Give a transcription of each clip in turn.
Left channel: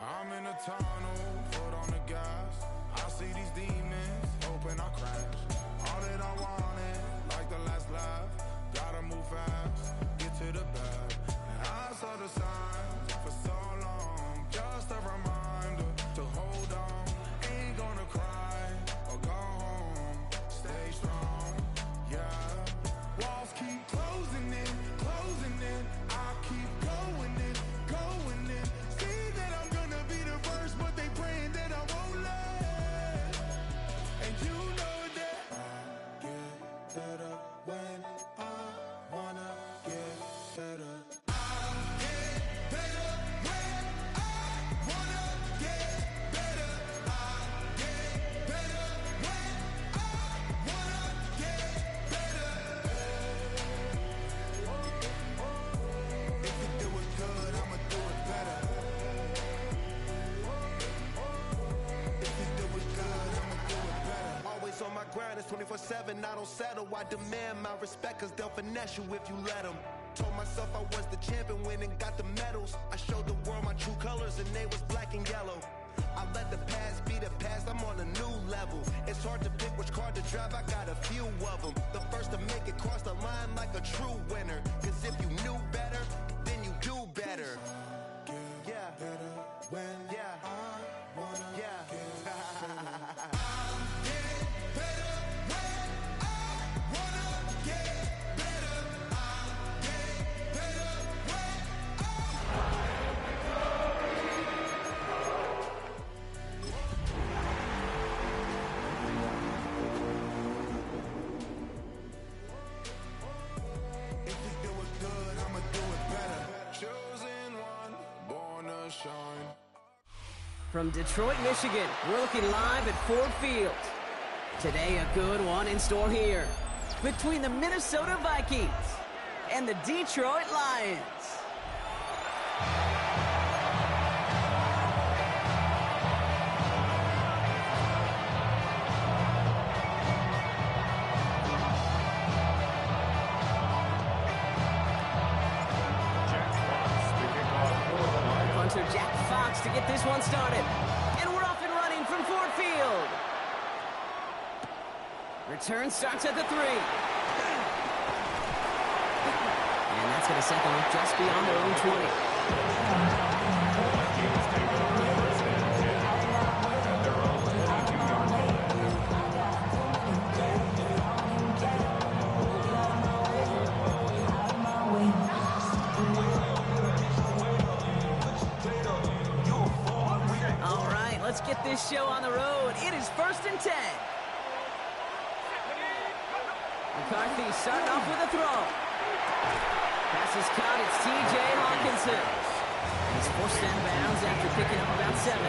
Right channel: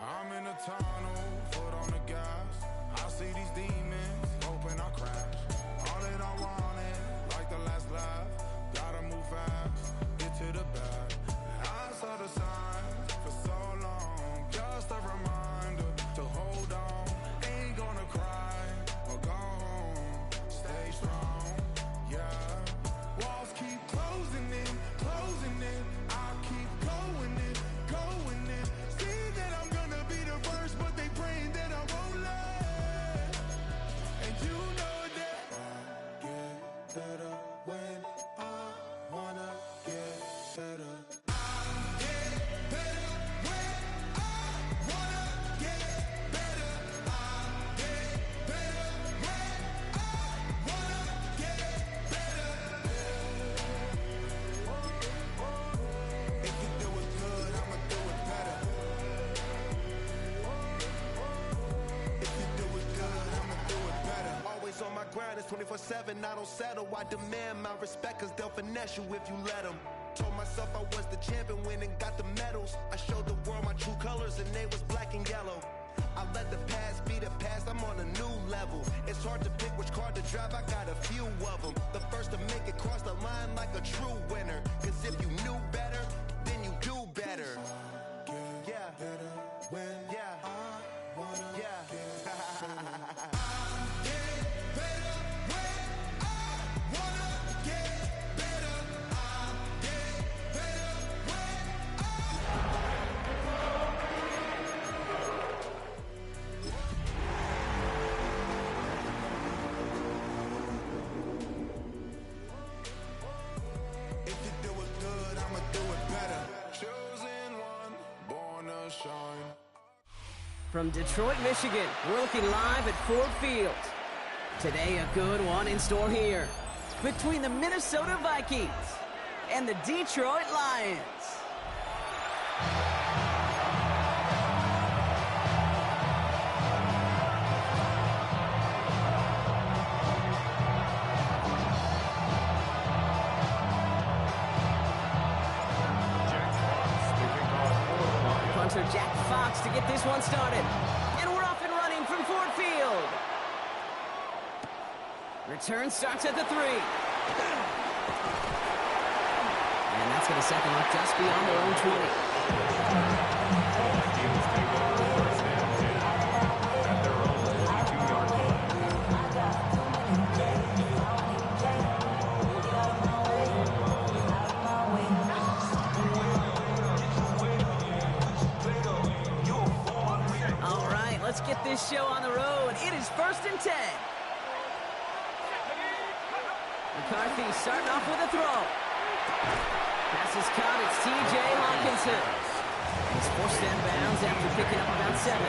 I'm in a tunnel, foot on the gas. I see these demons, hoping I crash. All that I wanted, like the last laugh. Gotta move fast, get to the bag. And I saw the signs for so long. Just a reminder to hold on. Ain't gonna cry or go home. Stay strong, yeah. Walls keep closing in, closing in. I keep going in, going in. See that I'm gonna be the first, but they praying that I won't let. And you know that I get better when I wanna get better. I get better when I wanna get better. I get better when I wanna get better. If you do it good, I'ma do it better. If you do it good, I'ma do it better. Always on my grind, it's 24/7, I don't settle. I demand my respect, cause they'll finesse you if you let them. Told myself I was the champion, went and got the medals. I showed the world my true colors and they was black and yellow. I let the past be the past, I'm on a new level. It's hard to pick which car to drive, I got a few of them. The first to make it cross the line like a true winner. Cause if you knew better, then you do better. Yeah, Better when I wanna yeah. get better. I get better when I wanna get better. I get better when If you do it good, I'ma do it better. Chosen one, born to shine. From Detroit, Michigan, we're looking live at Ford Field. Today, a good one in store here between the Minnesota Vikings and the Detroit Lions. Punter Jack Fox to get this one started. And we're off and running from Ford Field. Return starts at the 3. And that's going to set them up just beyond their own 20. The Vikings take over first and 10 at their own 22-yard line. All right, let's get this show on the road. It is first and 10. McCarthy starting off with a throw. Pass is caught. It's T.J. Hawkinson. And he's forced out of bounds after picking up about 7.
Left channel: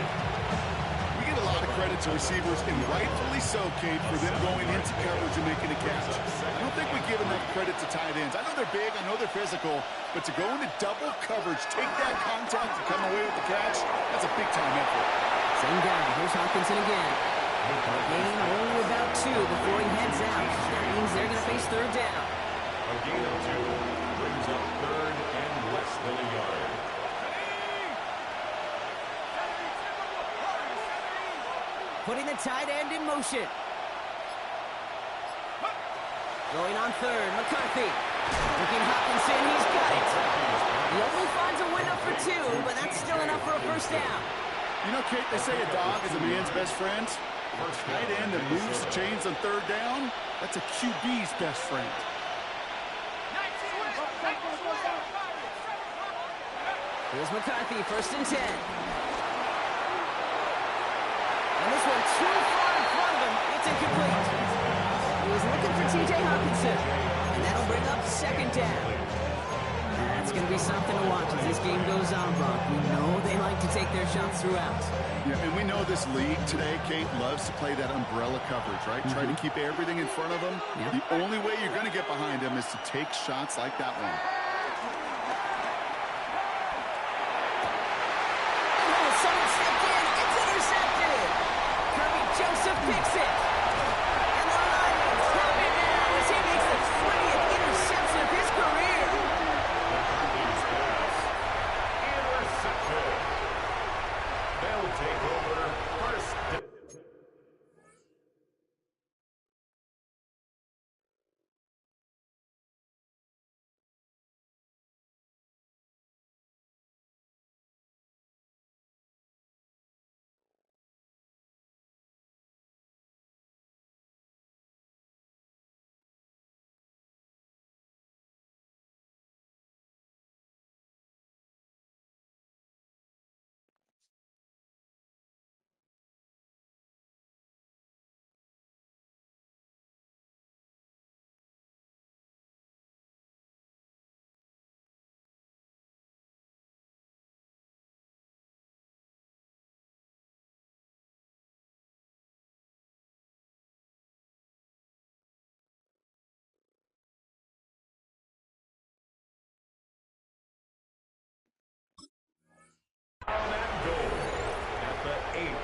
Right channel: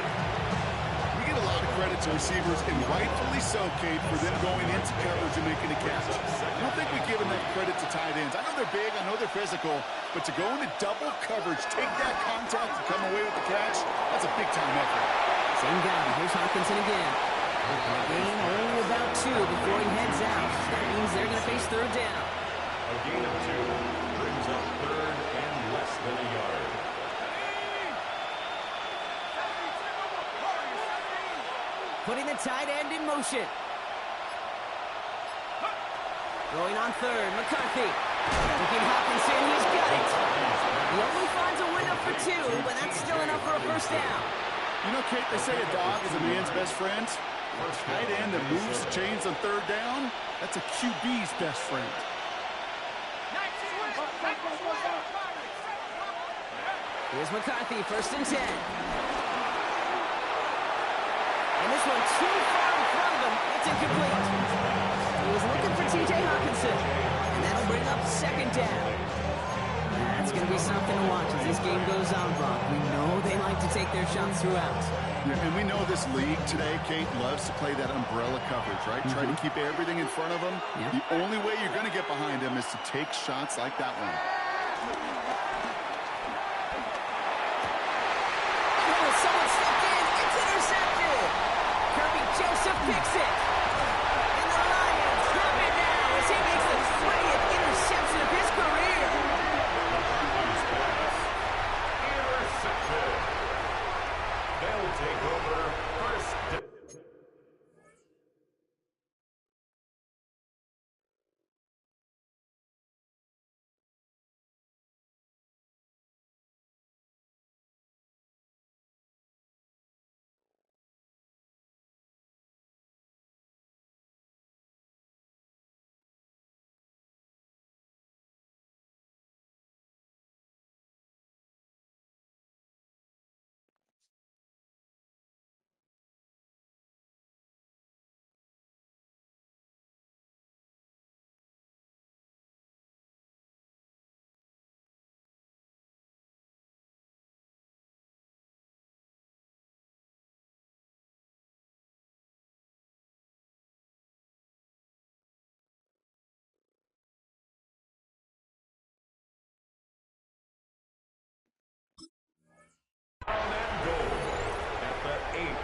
We give a lot of credit to receivers, and rightfully so, Kate, for them going into coverage and making a catch. I don't think we give enough credit to tight ends. I know they're big, I know they're physical, but to go into double coverage, take that contact and come away with the catch, that's a big-time effort. Same guy. Here's Hawkinson again. And a gain only about 2 before he heads out. That means they're going to face third down. A gain of 2 brings up third and less than a yard. Putting the tight end in motion. Throwing on third, McCarthy. Looking Hawkinson, he's got it. He only finds a window for 2, but that's still enough for a first down. You know, Kate, they say a dog is a man's best friend. A tight end that moves the chains on third down, that's a QB's best friend. Here's McCarthy, first and 10. And this one too far in front of him. It's incomplete. He was looking for T.J. Hawkinson. And that'll bring up second down. That's going to be something to watch as this game goes on, Brock. We know they like to take their shots throughout. Yeah, and we know this league today, Kate, loves to play that umbrella coverage, right? Try to keep everything in front of them. Yep. The only way you're going to get behind them is to take shots like that one. Oh, someone stepped in. It's intercepted. Kirby Joseph picks it. And the Lions have it now as he makes the 20th interception of his career.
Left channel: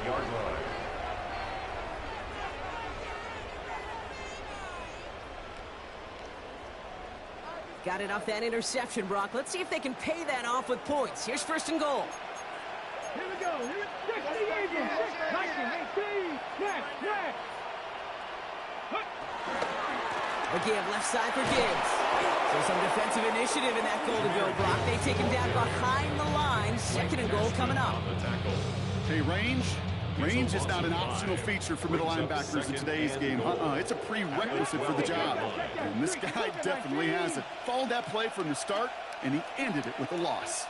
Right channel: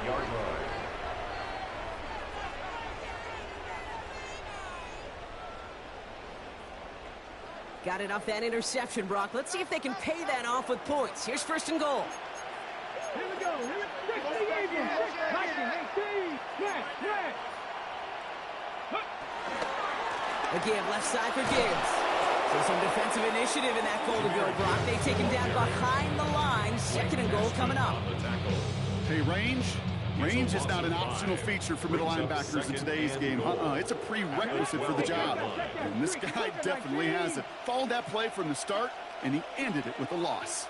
20-yard line. Got it off that interception, Brock. Let's see if they can pay that off with points. Here's first and goal. Here we go. Here we go. 19, 18, A give left side for Gibbs. So some defensive initiative in that goal to go, Brock. They take him down behind the line. Second and goal coming up. Hey, range is not an optional feature for middle linebackers in today's game. It's a prerequisite for the job. And this guy definitely has it. Followed that play from the start, and he ended it with a loss.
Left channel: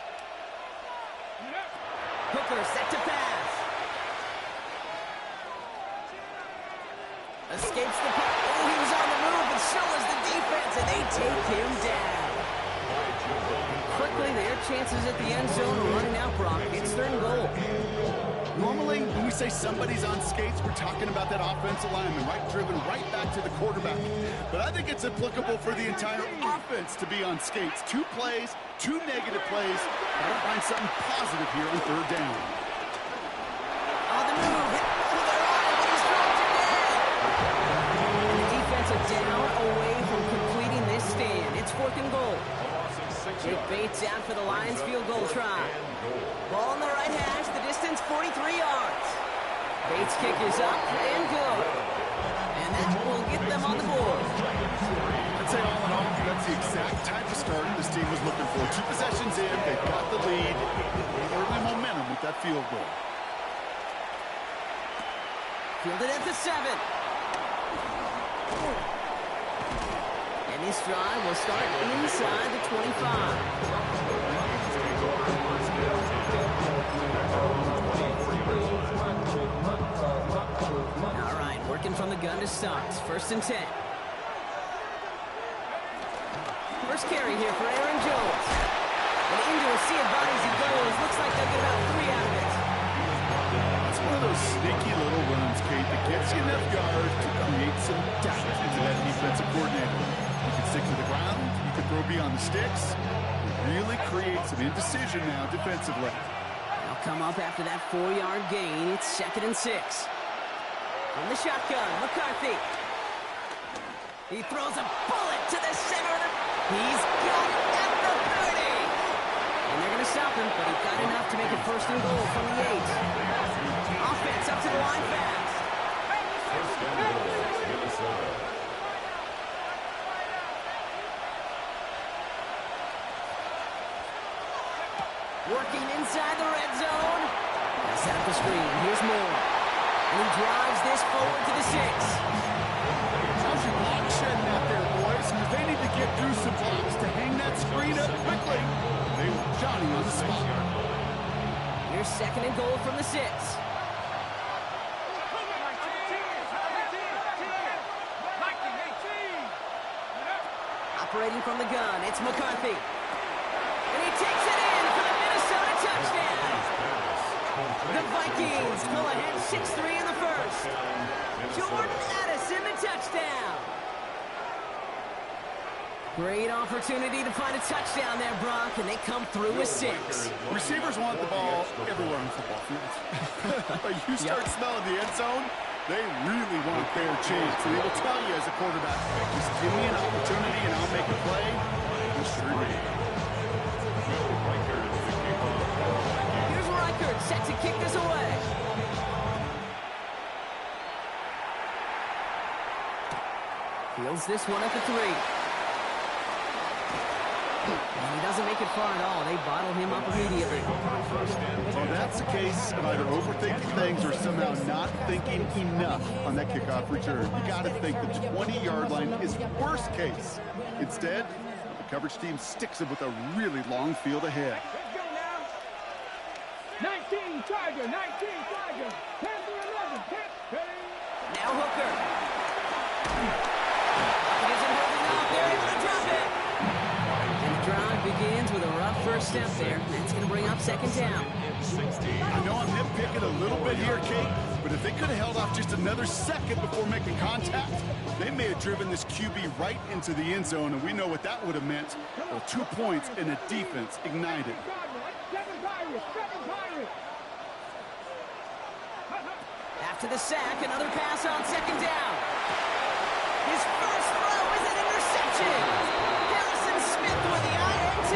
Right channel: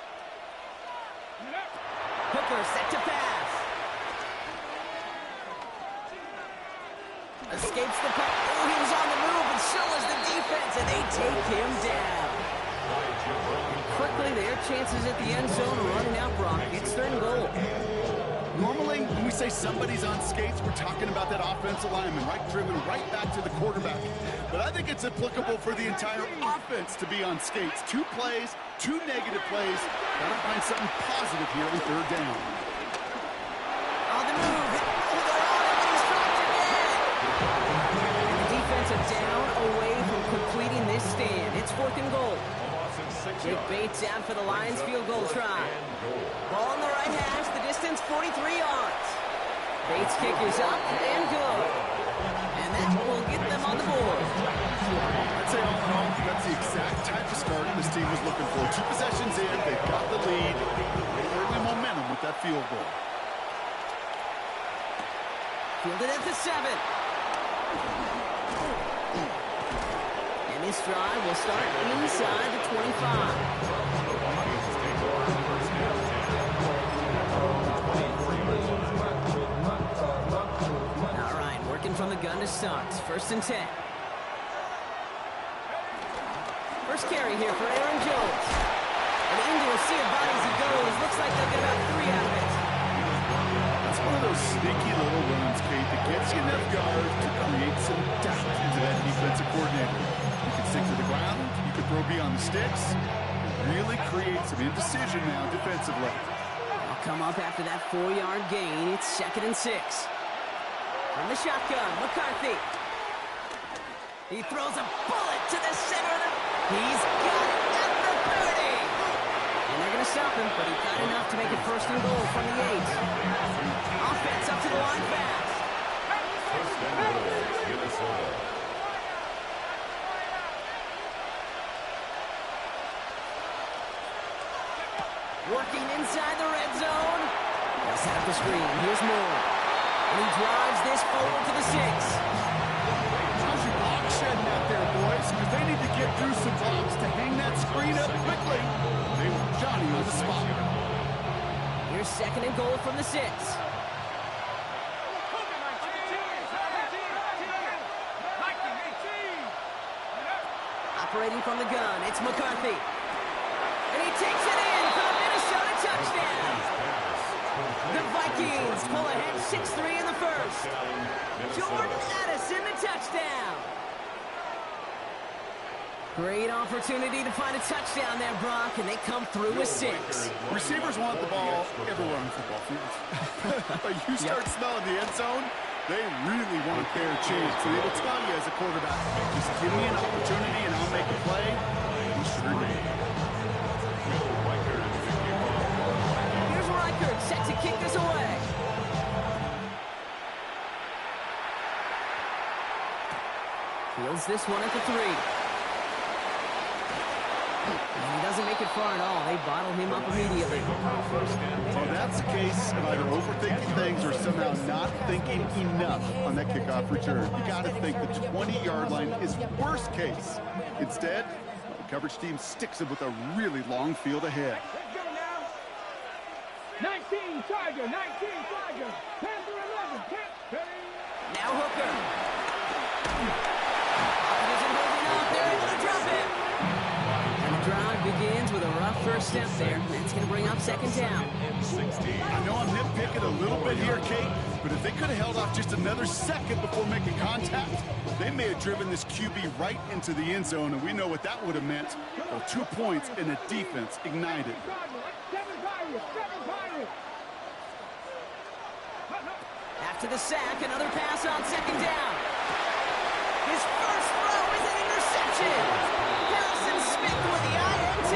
Hooker set to pass. Escapes the puck. Oh, he was on the move, but so was the defense, and they take him down. And quickly, their chances at the end zone are running out, Brock. It's third and goal. Normally, when we say somebody's on skates, we're talking about that offensive lineman, driven right back to the quarterback. But I think it's applicable for the entire offense to be on skates. 2 plays, 2 negative plays. Got to find something positive here on third down. On the move. Oh, they're on it, but he's dropped again. And the defense are down away from completing this stand. It's fourth and goal. Jake Bates out for the Lions field goal try. Ball on the right hash, the distance 43 yards. Bates' kick is up and good. And that will get them on the board. I'd say all in all, that's the exact type of start this team was looking for. 2 possessions in, they've got the lead. Early momentum with that field goal. Fielded at the 7. And this drive will start inside the 25. All right, working from the gun to start. First and 10. First carry here for Aaron Jones. And into a sea of bodies he goes. Looks like they'll get about 3 out of it. That's one of those sneaky little runs, Kate, that gets you enough yards to create some doubt into that defensive coordinator. You can stick to the ground, you can throw beyond the sticks. It really creates some indecision now defensively. They'll come up after that 4-yard gain. It's second and 6. From the shotgun, McCarthy. He throws a bullet to the center of the... He's got it at the 30. And they're going to stop him, but he got enough to make it first and goal from the 8. Offense up to the line fast. First and goal, Minnesota. Working inside the red zone. They'll set up the screen. Here's Moore. And he drives this forward to the 6. How's your block shedding out there, boys? Because they need to get through some blocks to hang that screen up quickly. They want Johnny on the spot. Here's second and goal from the 6. Operating from the gun, it's McCarthy. And he takes it in for the Minnesota touchdown. The Vikings pull ahead 6-3 in the first. Jordan Addison, the touchdown. Great opportunity to find a touchdown there, Brock, and they come through with 6. Receivers want the ball everywhere on football fields. But you start smelling the end zone, they really want their chance. And they will tell you as a quarterback, just give me an opportunity and I'll make a play. You sure did. Here's Reichert set to kick this away. Fields this one at the 3. And he doesn't make it far at all. They bottle him up immediately. So that's the case of either overthinking things or somehow not thinking enough on that kickoff return. You got to think the 20-yard line is worst case. Instead, the coverage team sticks it with a really long field ahead. Let's go now. 19 Tiger, 19 Tiger. 10 for 11. 10. Now Hooker. Pocket isn't holding up. They're able to drop it. And the drive begins with a rough first step there. That's going to bring up second down. I know I'm nitpicking a little bit here, Kate, but if they could have held off just another second before making contact, they may have driven this QB right into the end zone, and we know what that would have meant. Well, 2 points and a defense ignited. 7 Pirates. 7 Pirates. After the sack, another pass on second down. His first throw is an interception. Harrison Smith with the INT.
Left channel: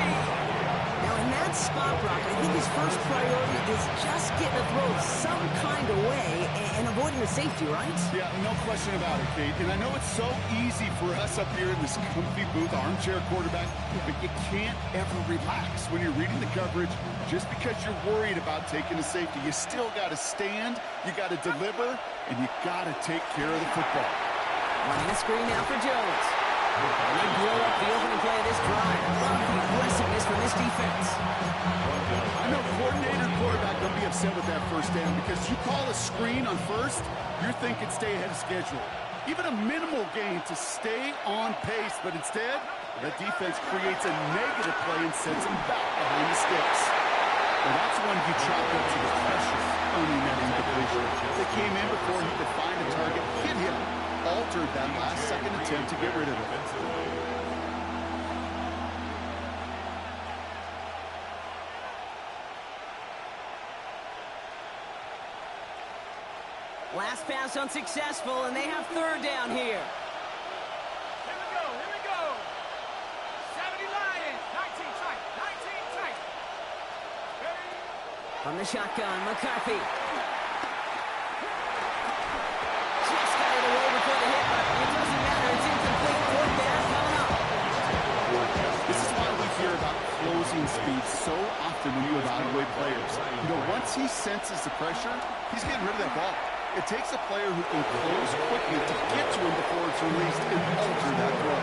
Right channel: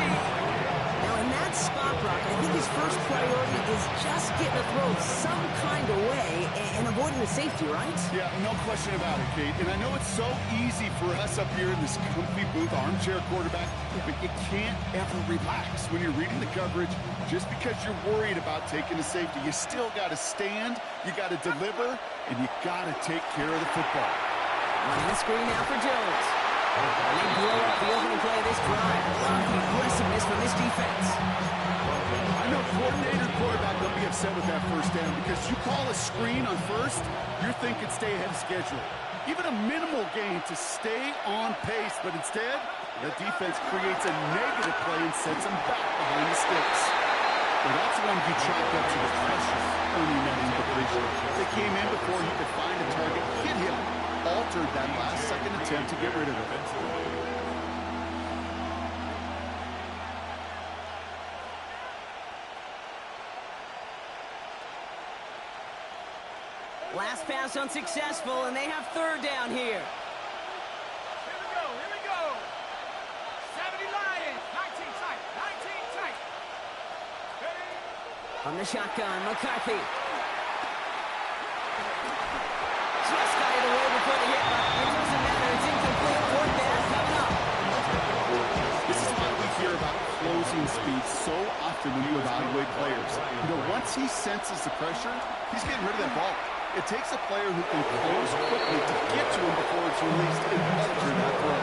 Now, in that spot, Brock, I think his first priority is just getting a throw some kind of way and avoiding the safety, right? Yeah, no question about it, Kate. And I know it's so easy for us up here in this comfy booth, armchair quarterback, but you can't ever relax when you're reading the coverage. Just because you're worried about taking a safety, you still got to stand, you got to deliver, and you got to take care of the football. Running a screen now for Jones. And they blow up the opening play of this drive. Love the aggressiveness from this defense. I know coordinator, quarterback, don't be upset with that first down because you call a screen on first, you're thinking stay ahead of schedule. Even a minimal gain to stay on pace, but instead, the defense creates a negative play and sends them back behind the sticks. Well, that's when you chopped up to the pressure, earning that incompletion. They came in before he could find a target, hit him, altered that last-second attempt to get rid of it. Last pass unsuccessful, and they have third down here. Here we go. 70 Lions, 19 tight, 19 tight. From the shotgun, McCarthy. Just got it away before the hit, but it doesn't matter. It's incomplete. Fourth down coming up. This is why we hear about closing speed so often when you evaluate players. You know, once he senses the pressure, he's getting rid of that ball. It takes a player who can close quickly to get to him before it's released and alter that throw.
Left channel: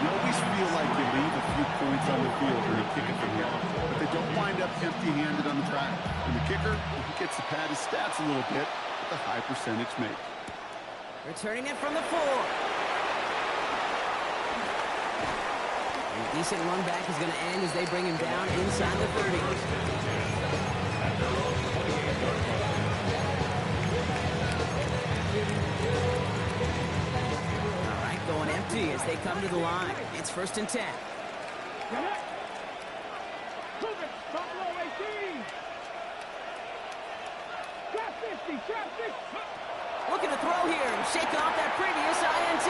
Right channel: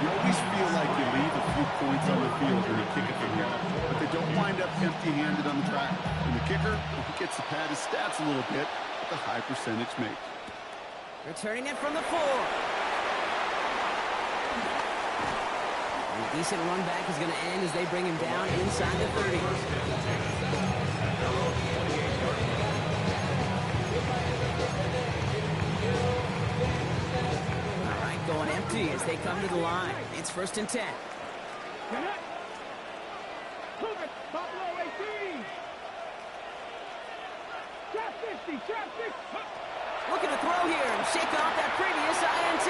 You always feel like you leave a few points on the field when you kick it from here, but they don't wind up empty-handed on the track. And the kicker, he gets to pad his stats a little bit with a high percentage make. Returning it from the 4. A decent run back is going to end as they bring him down inside the 30. At their own 28-yard line. All right, going empty as they come to the line. It's 1st and 10. Get it. Move it. Buffalo 18. Trap 50. Trap 50. Looking to throw here and shake off that previous INT.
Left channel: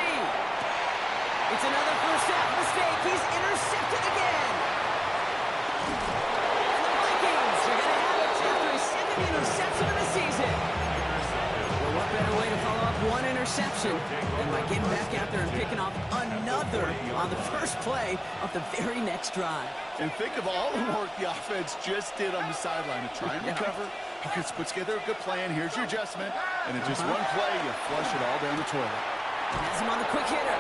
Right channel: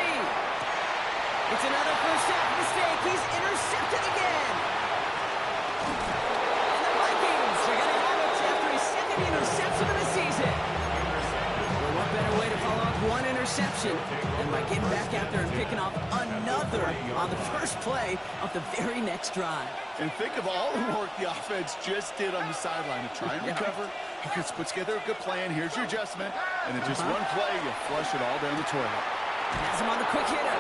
It's another first half mistake. He's intercepted again. And the Vikings are going to have it after his second interception of the season. Well, what better way to follow up one interception than by getting back out there and picking off another on the first play of the very next drive. And think of all the work the offense just did on the sideline to try and recover. Okay, let's put together a good plan. Here's your adjustment. And in just one play, you flush it all down the toilet. Has him on the quick hitter.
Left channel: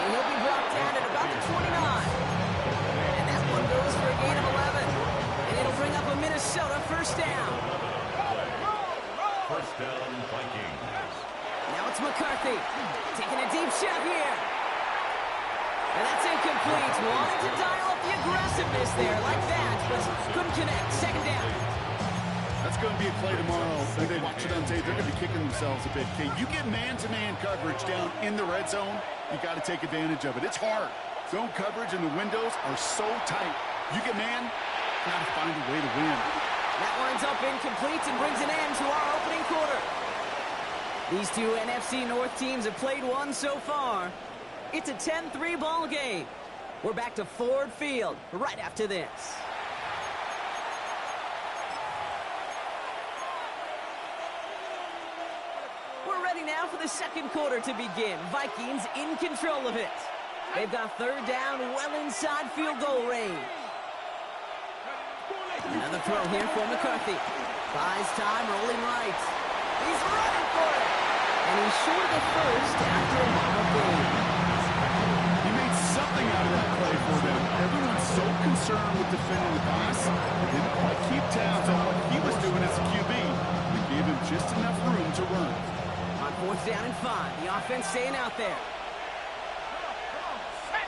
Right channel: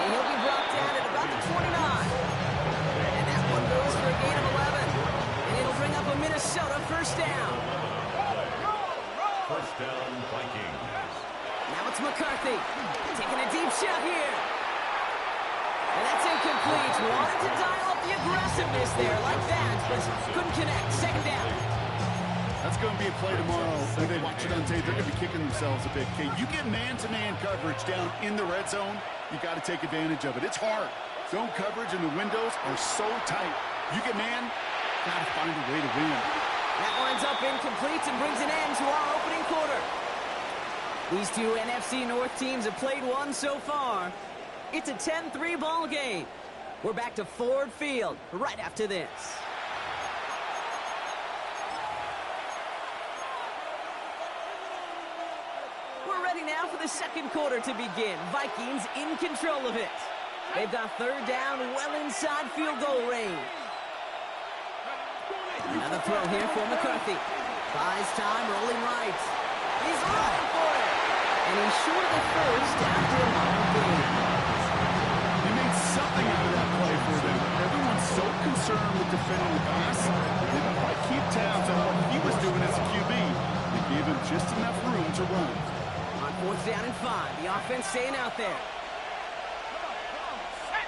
And he'll be brought down at about the 29. And that one goes for a gain of 11. And it'll bring up a Minnesota first down. First down, Vikings. Now it's McCarthy taking a deep shot here. And that's incomplete. Wanted to dial up the aggressiveness there like that, but couldn't connect. Second down. That's going to be a play tomorrow. When they watch it on tape, they're going to be kicking themselves a bit. Okay, you get man-to-man coverage down in the red zone, you got to take advantage of it. It's hard. Zone coverage and the windows are so tight. You get man, got to find a way to win. That winds up incomplete and brings an end to our opening quarter. These two NFC North teams have played one so far. It's a 10-3 ball game. We're back to Ford Field right after this. We're ready now for the second quarter to begin. Vikings in control of it. They've got third down well inside field goal range. Another throw here for McCarthy. Buys time, rolling right. He's running for it. And he's short of the first after a mile gain. He made something out of that play for them. Everyone's so concerned with defending the pass, they didn't quite keep tabs on what he was doing as a QB. They gave him just enough room to run. On 4th down and 5, the offense staying out there. Come on. Set.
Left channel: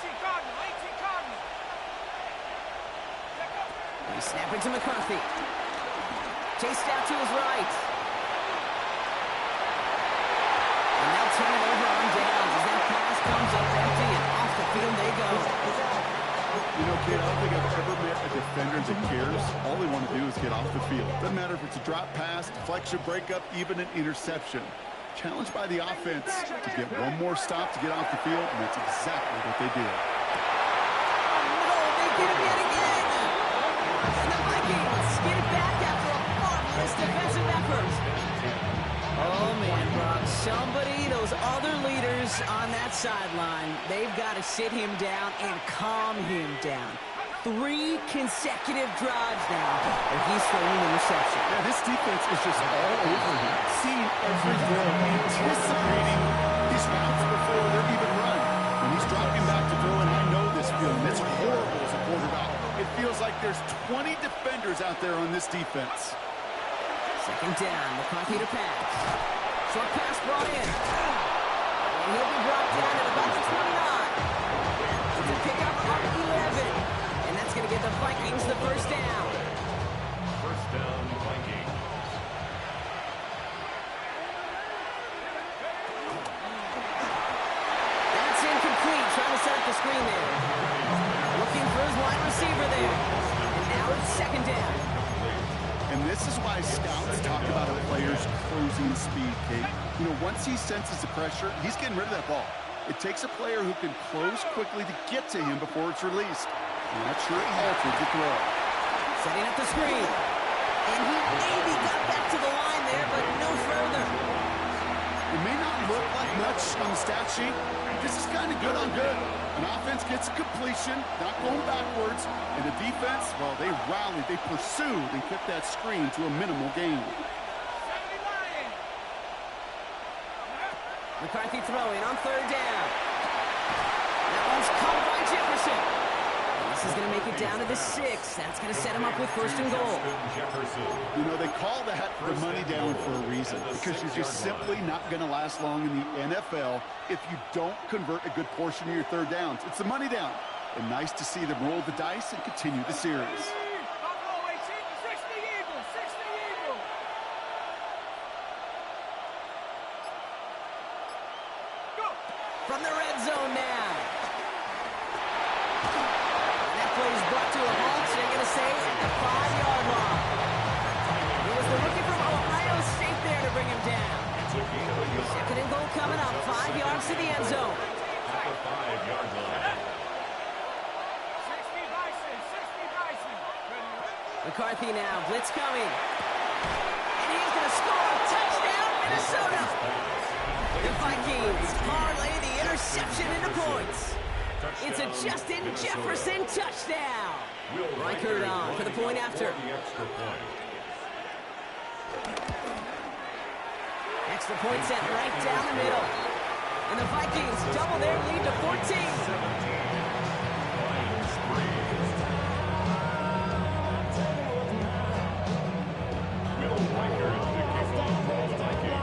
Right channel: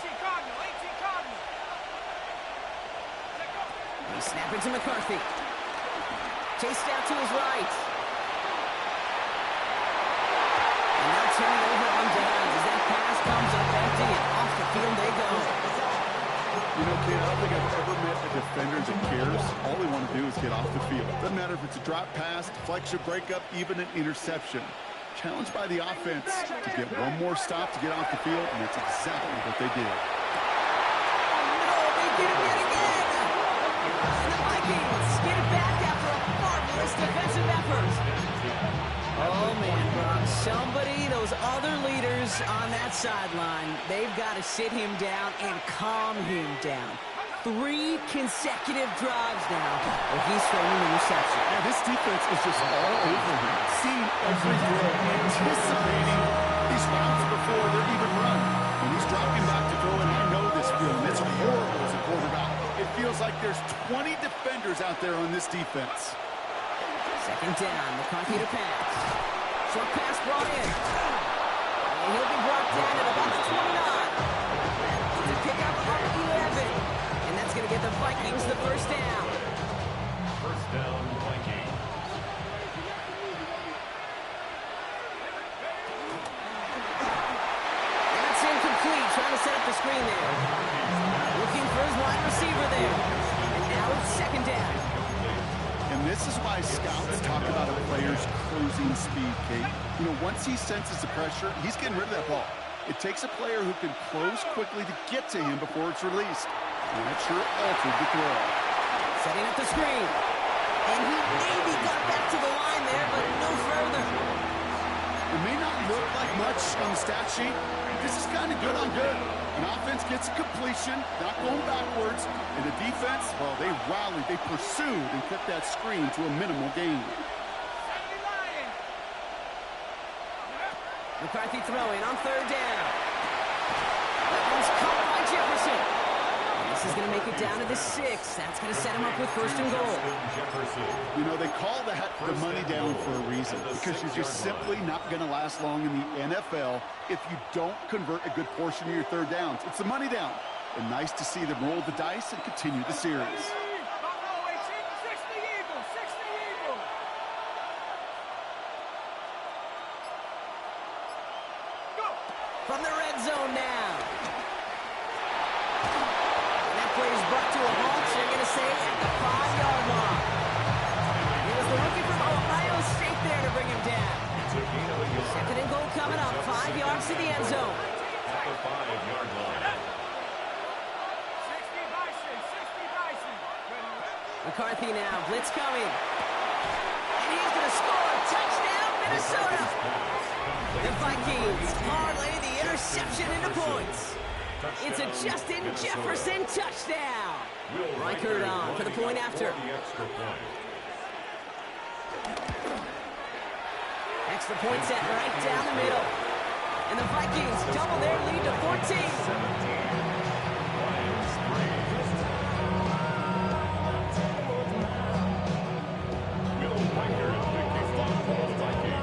18 Cardinal. 18 Cardinal. Let go. He's snapping to McCarthy. Chased out to his right. And they'll turn it over on downs as that pass comes up empty and off the field they go. You know, kid, I don't think I've ever met a defender that cares. All they want to do is get off the field. Doesn't matter if it's a drop pass, deflection, breakup, even an interception. Challenged by the offense to get one more stop to get off the field, and that's exactly what they did. No, they get him yet again. And the Vikings get it back after a marvelous defensive effort. Oh, man, Brock, somebody, those other leaders on that sideline, they've got to sit him down and calm him down. 3 consecutive drives now where he's throwing interception. Yeah, this defense is just all over him. Seeing every throw, anticipating these routes before they're even run. When he's dropping back to throw, and I know this feeling, it's horrible as a quarterback. It feels like there's 20 defenders out there on this defense. Second down, McCarthy to pass. Short pass brought in. And he'll be brought down at about the 29. It's a pickup of 11. And that's going to give the Vikings the first down. First down, Vikings. That's incomplete. Trying to set up the screen there. Looking for his wide receiver there. And now it's second down. And this is why scouts talk about a player's closing speed, Kate. You know, once he senses the pressure, he's getting rid of that ball. It takes a player who can close quickly to get to him before it's released. And that sure altered the throw. Setting up the screen. And he maybe got back to the line there, but no further. It may not look like much on the stat sheet. This is kind of good on good. An offense gets a completion, not going backwards. And the defense, well, they rallied, they pursued, and kept that screen to a minimal gain. McCarthy throwing on third down. That one's caught by Jefferson. And this is going to make it down to the 6. That's going to set him up with first and goal. You know, they call that the money down for a reason, because you're just simply not going to last long in the NFL if you don't convert a good portion of your third downs. It's the money down. And nice to see them roll the dice and continue the series. From the red zone now. And that play is brought to a halt, so you're going to say at the 5-yard line. It was the rookie from Ohio State there to bring him down. Second and goal coming up, 5 yards to the end zone. At the 5-yard line. McCarthy now, blitz coming. And he's going to score. Touchdown, Minnesota. The Vikings parlay the interception into points. It's a Justin Jefferson touchdown. Reichert on for the point after. Extra point set right down the middle. And the Vikings double their lead to 14.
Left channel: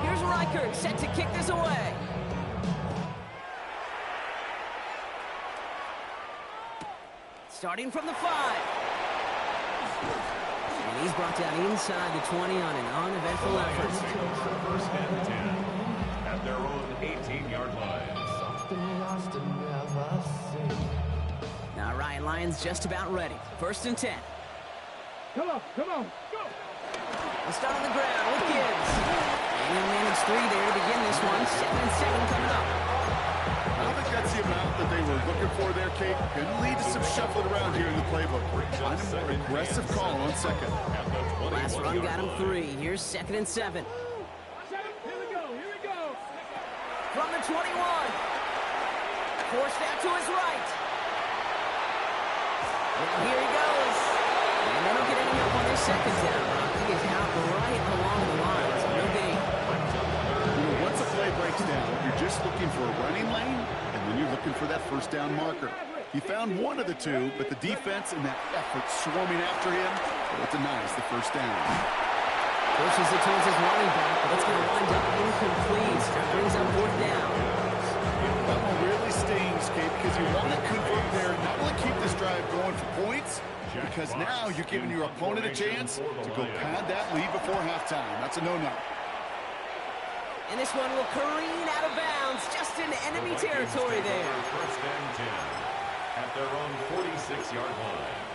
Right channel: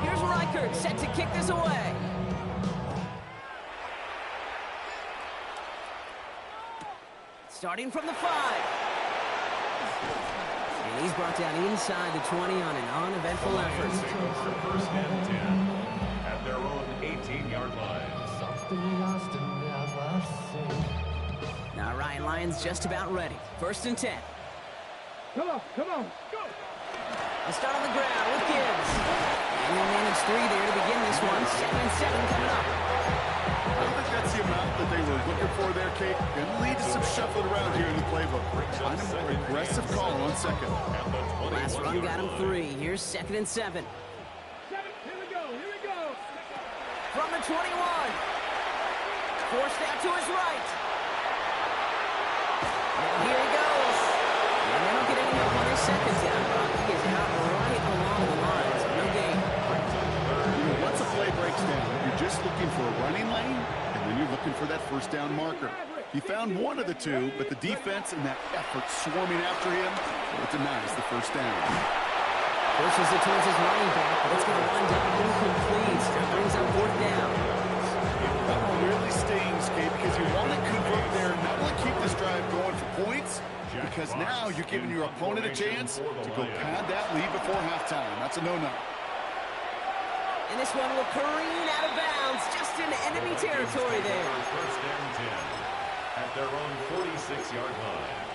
Here's Reichert set to kick this away. Starting from the 5. And he's brought down inside the 20 on an uneventful effort. First and 10 at their own 18-yard line. Now Ryan Lyons just about ready. First and 10. Come on, go! We'll start on the ground with Gibbs. And he'll manage 3 there to begin this one. 2nd and 7 coming up. I don't think that's the amount that they were looking for there, Kate. Can lead to some shuffling around here in the playbook. Find a more aggressive call on second. Last run got him 3. Here's 2nd and 7. Here we go! From the 21. Forced out to his right. Now here he goes. And they don't get any help on their second down, Brock. He is out right along the lines. No gain. You know, once a play breaks down, you're just looking for a running lane, and then you're looking for that first down marker. He found one of the two, but the defense and that effort swarming after him, well, it denies the first down. Pushes it towards his running back, but it's going to wind up incomplete. Brings up 4th down. That one really stings, Kate, because you want to convert there, not only keep this drive going for points, because now you're giving your opponent a chance to go pad that lead before halftime. That's a no-no. And this one will careen out of bounds, just in enemy territory there. First and 10 at their own 46-yard line.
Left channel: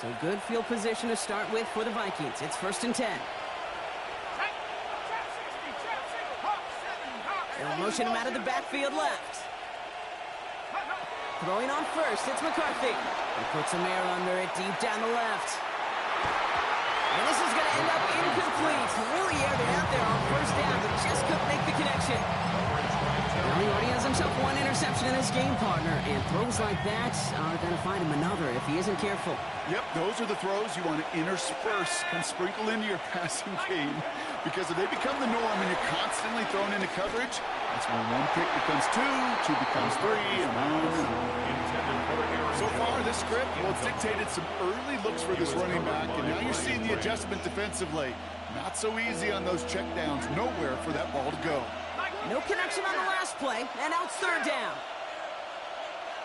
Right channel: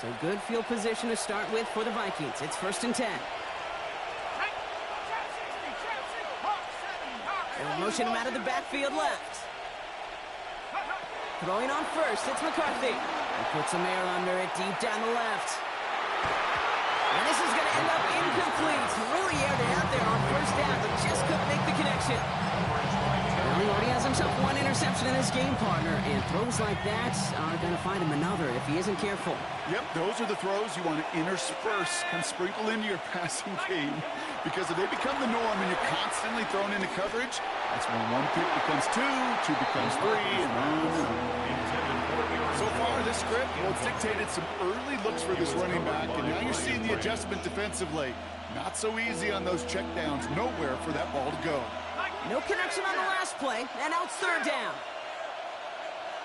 So good field position to start with for the Vikings. It's 1st and 10. They'll motion him out of the backfield left. Throwing on first, it's McCarthy. He puts some air under it deep down the left. And this is going to end up incomplete. Really aired it out there on 1st down, but just couldn't make the connection. Well, he already has himself one interception in his game, partner, and throws like that are going to find him another if he isn't careful. Yep, those are the throws you want to intersperse, kind of sprinkle into your passing game, because if they become the norm and you're constantly thrown into coverage, that's when one pick becomes two becomes three, and on and on. So far, this script, well, it's dictated some early looks for this running back, and now you're seeing the adjustment defensively. Not so easy on those checkdowns. Nowhere for that ball to go. No connection on the last play, and now it's 3rd down.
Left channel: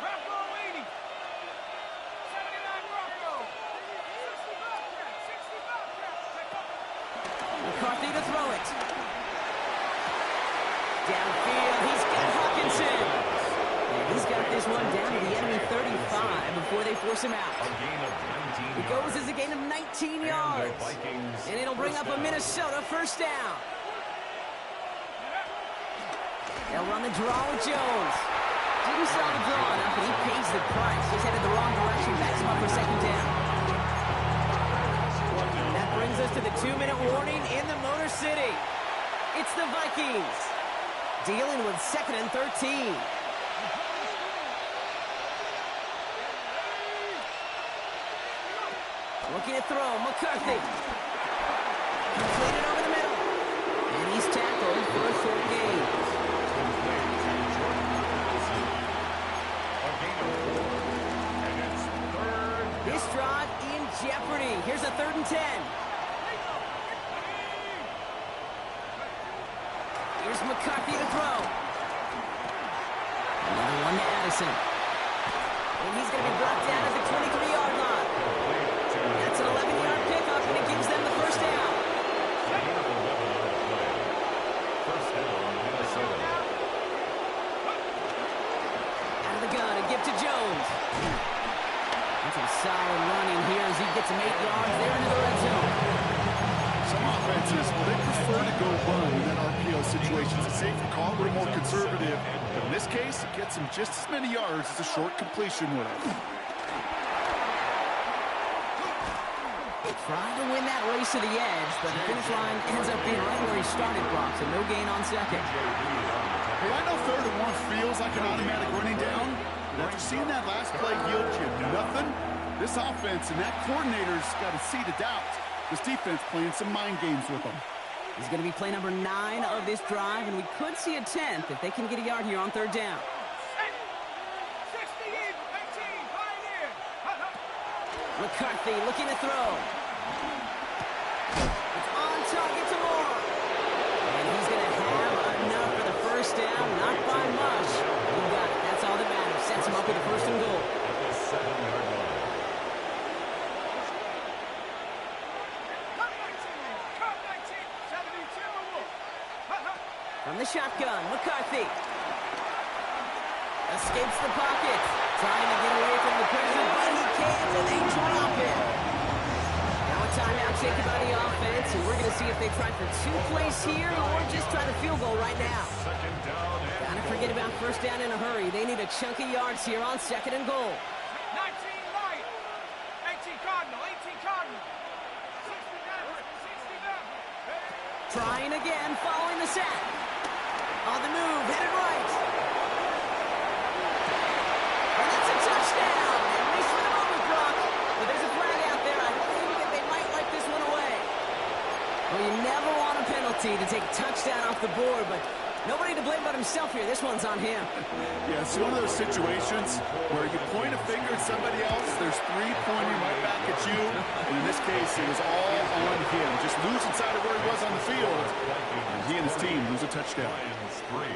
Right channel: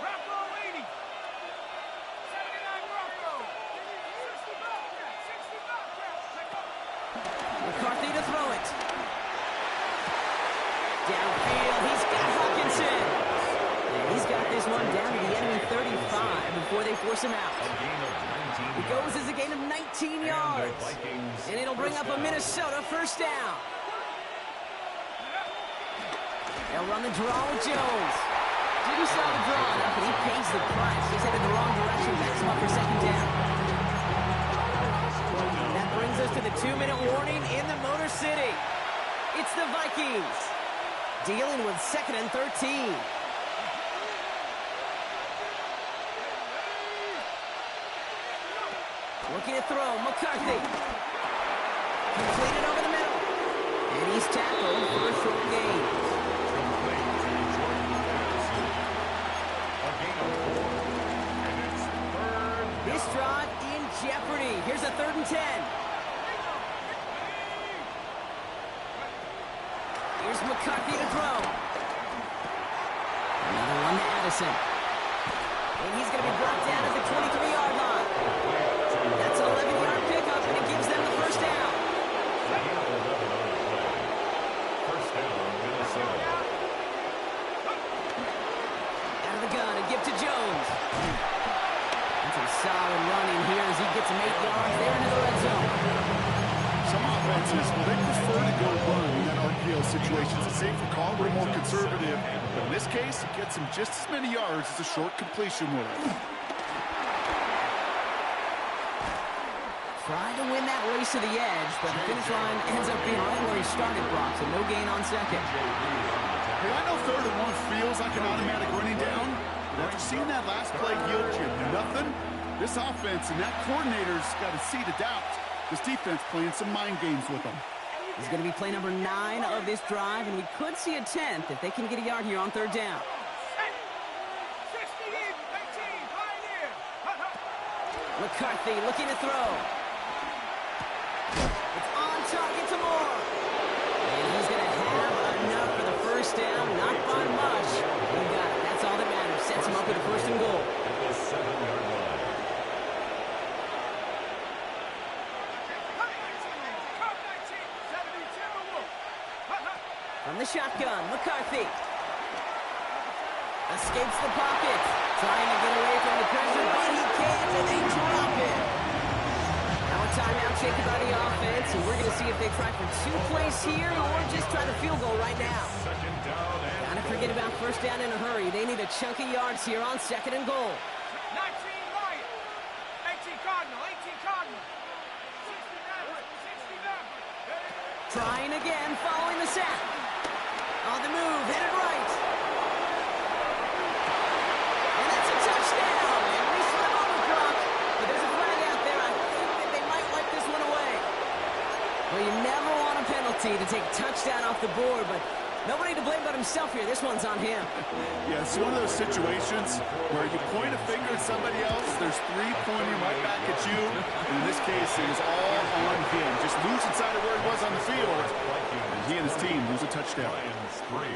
Rocco waiting. 79 Rocco. 65 McCarthy to throw it. Downfield, he's got Hawkinson. And he's got this one down to the enemy 35 before they force him out. A gain of 19 It goes as a gain of 19 yards. And it'll bring up a Minnesota 1st down. They'll run the draw with Jones. Didn't sell the draw enough, and he pays the price. He's headed the wrong direction. Backs him up for 2nd down. That brings us to the 2-minute warning in the Motor City. It's the Vikings dealing with 2nd and 13. Looking to throw, McCarthy. Completed over the middle. And he's tackled for a short gain. Complete to Jroc375. A gain of 4. And it's 3rd down. This drive in jeopardy. Here's a 3rd and 10. Here's McCarthy to throw. Another one to Addison. And he's going to be brought down at the 23-yard line. That's an 11-yard pickup, and it gives them the 1st down. A gain of 11 on the play. 1st down, Minnesota. Out of the gun, a gift to Jones. That's some solid running here as he gets him 8 yards there into the red zone. Some offenses, well, they prefer to go run in that RPO situation. It's a safer call, a little more conservative. But in this case, it gets him just as many yards as a short completion would have. Trying to win that race to the edge, but the finish line ends up being right where he started, Brock, so no gain on 2nd. Hey, I know 3rd and 1 feels like an automatic running down, but after seeing that last play yield you nothing, this offense and that coordinator's got a seed of doubt. This defense playing some mind games with them. This is going to be play number 9 of this drive, and we could see a 10th if they can get a yard here on 3rd down. 68, 18, Pioneer. McCarthy looking to throw. It's on target to Moore. And he's going to have enough for the 1st down, not by much. He got it. That's all that matters. Sets him up with a 1st and goal. At the 7-yard line. From the shotgun, McCarthy. Escapes the pocket. Trying to get away from the pressure, but he can't, and they drop it. Now a timeout taken by the offense, and we're going to see if they try for 2 plays here or just try the field goal right now. 2nd down and Gotta forget about 1st down in a hurry. They need a chunk of yards here on 2nd and goal. 19 Lion. 18 Cardinal. 18 Cardinal. 60 Trying again, following the sack. On the move, headed right. And that's a touchdown, at least for the moment, Brock. But there's a flag out there. I think that they might wipe this one away. Well, you never want a penalty to take a touchdown off the board, but nobody to blame but himself here. This one's on him. Yeah, it's one of those situations where you point a finger at somebody else, there's 3 pointing right back at you, and in this case, it was all on him. Just losing sight of where he was on the field, and he and his team lose a touchdown. Lions 3.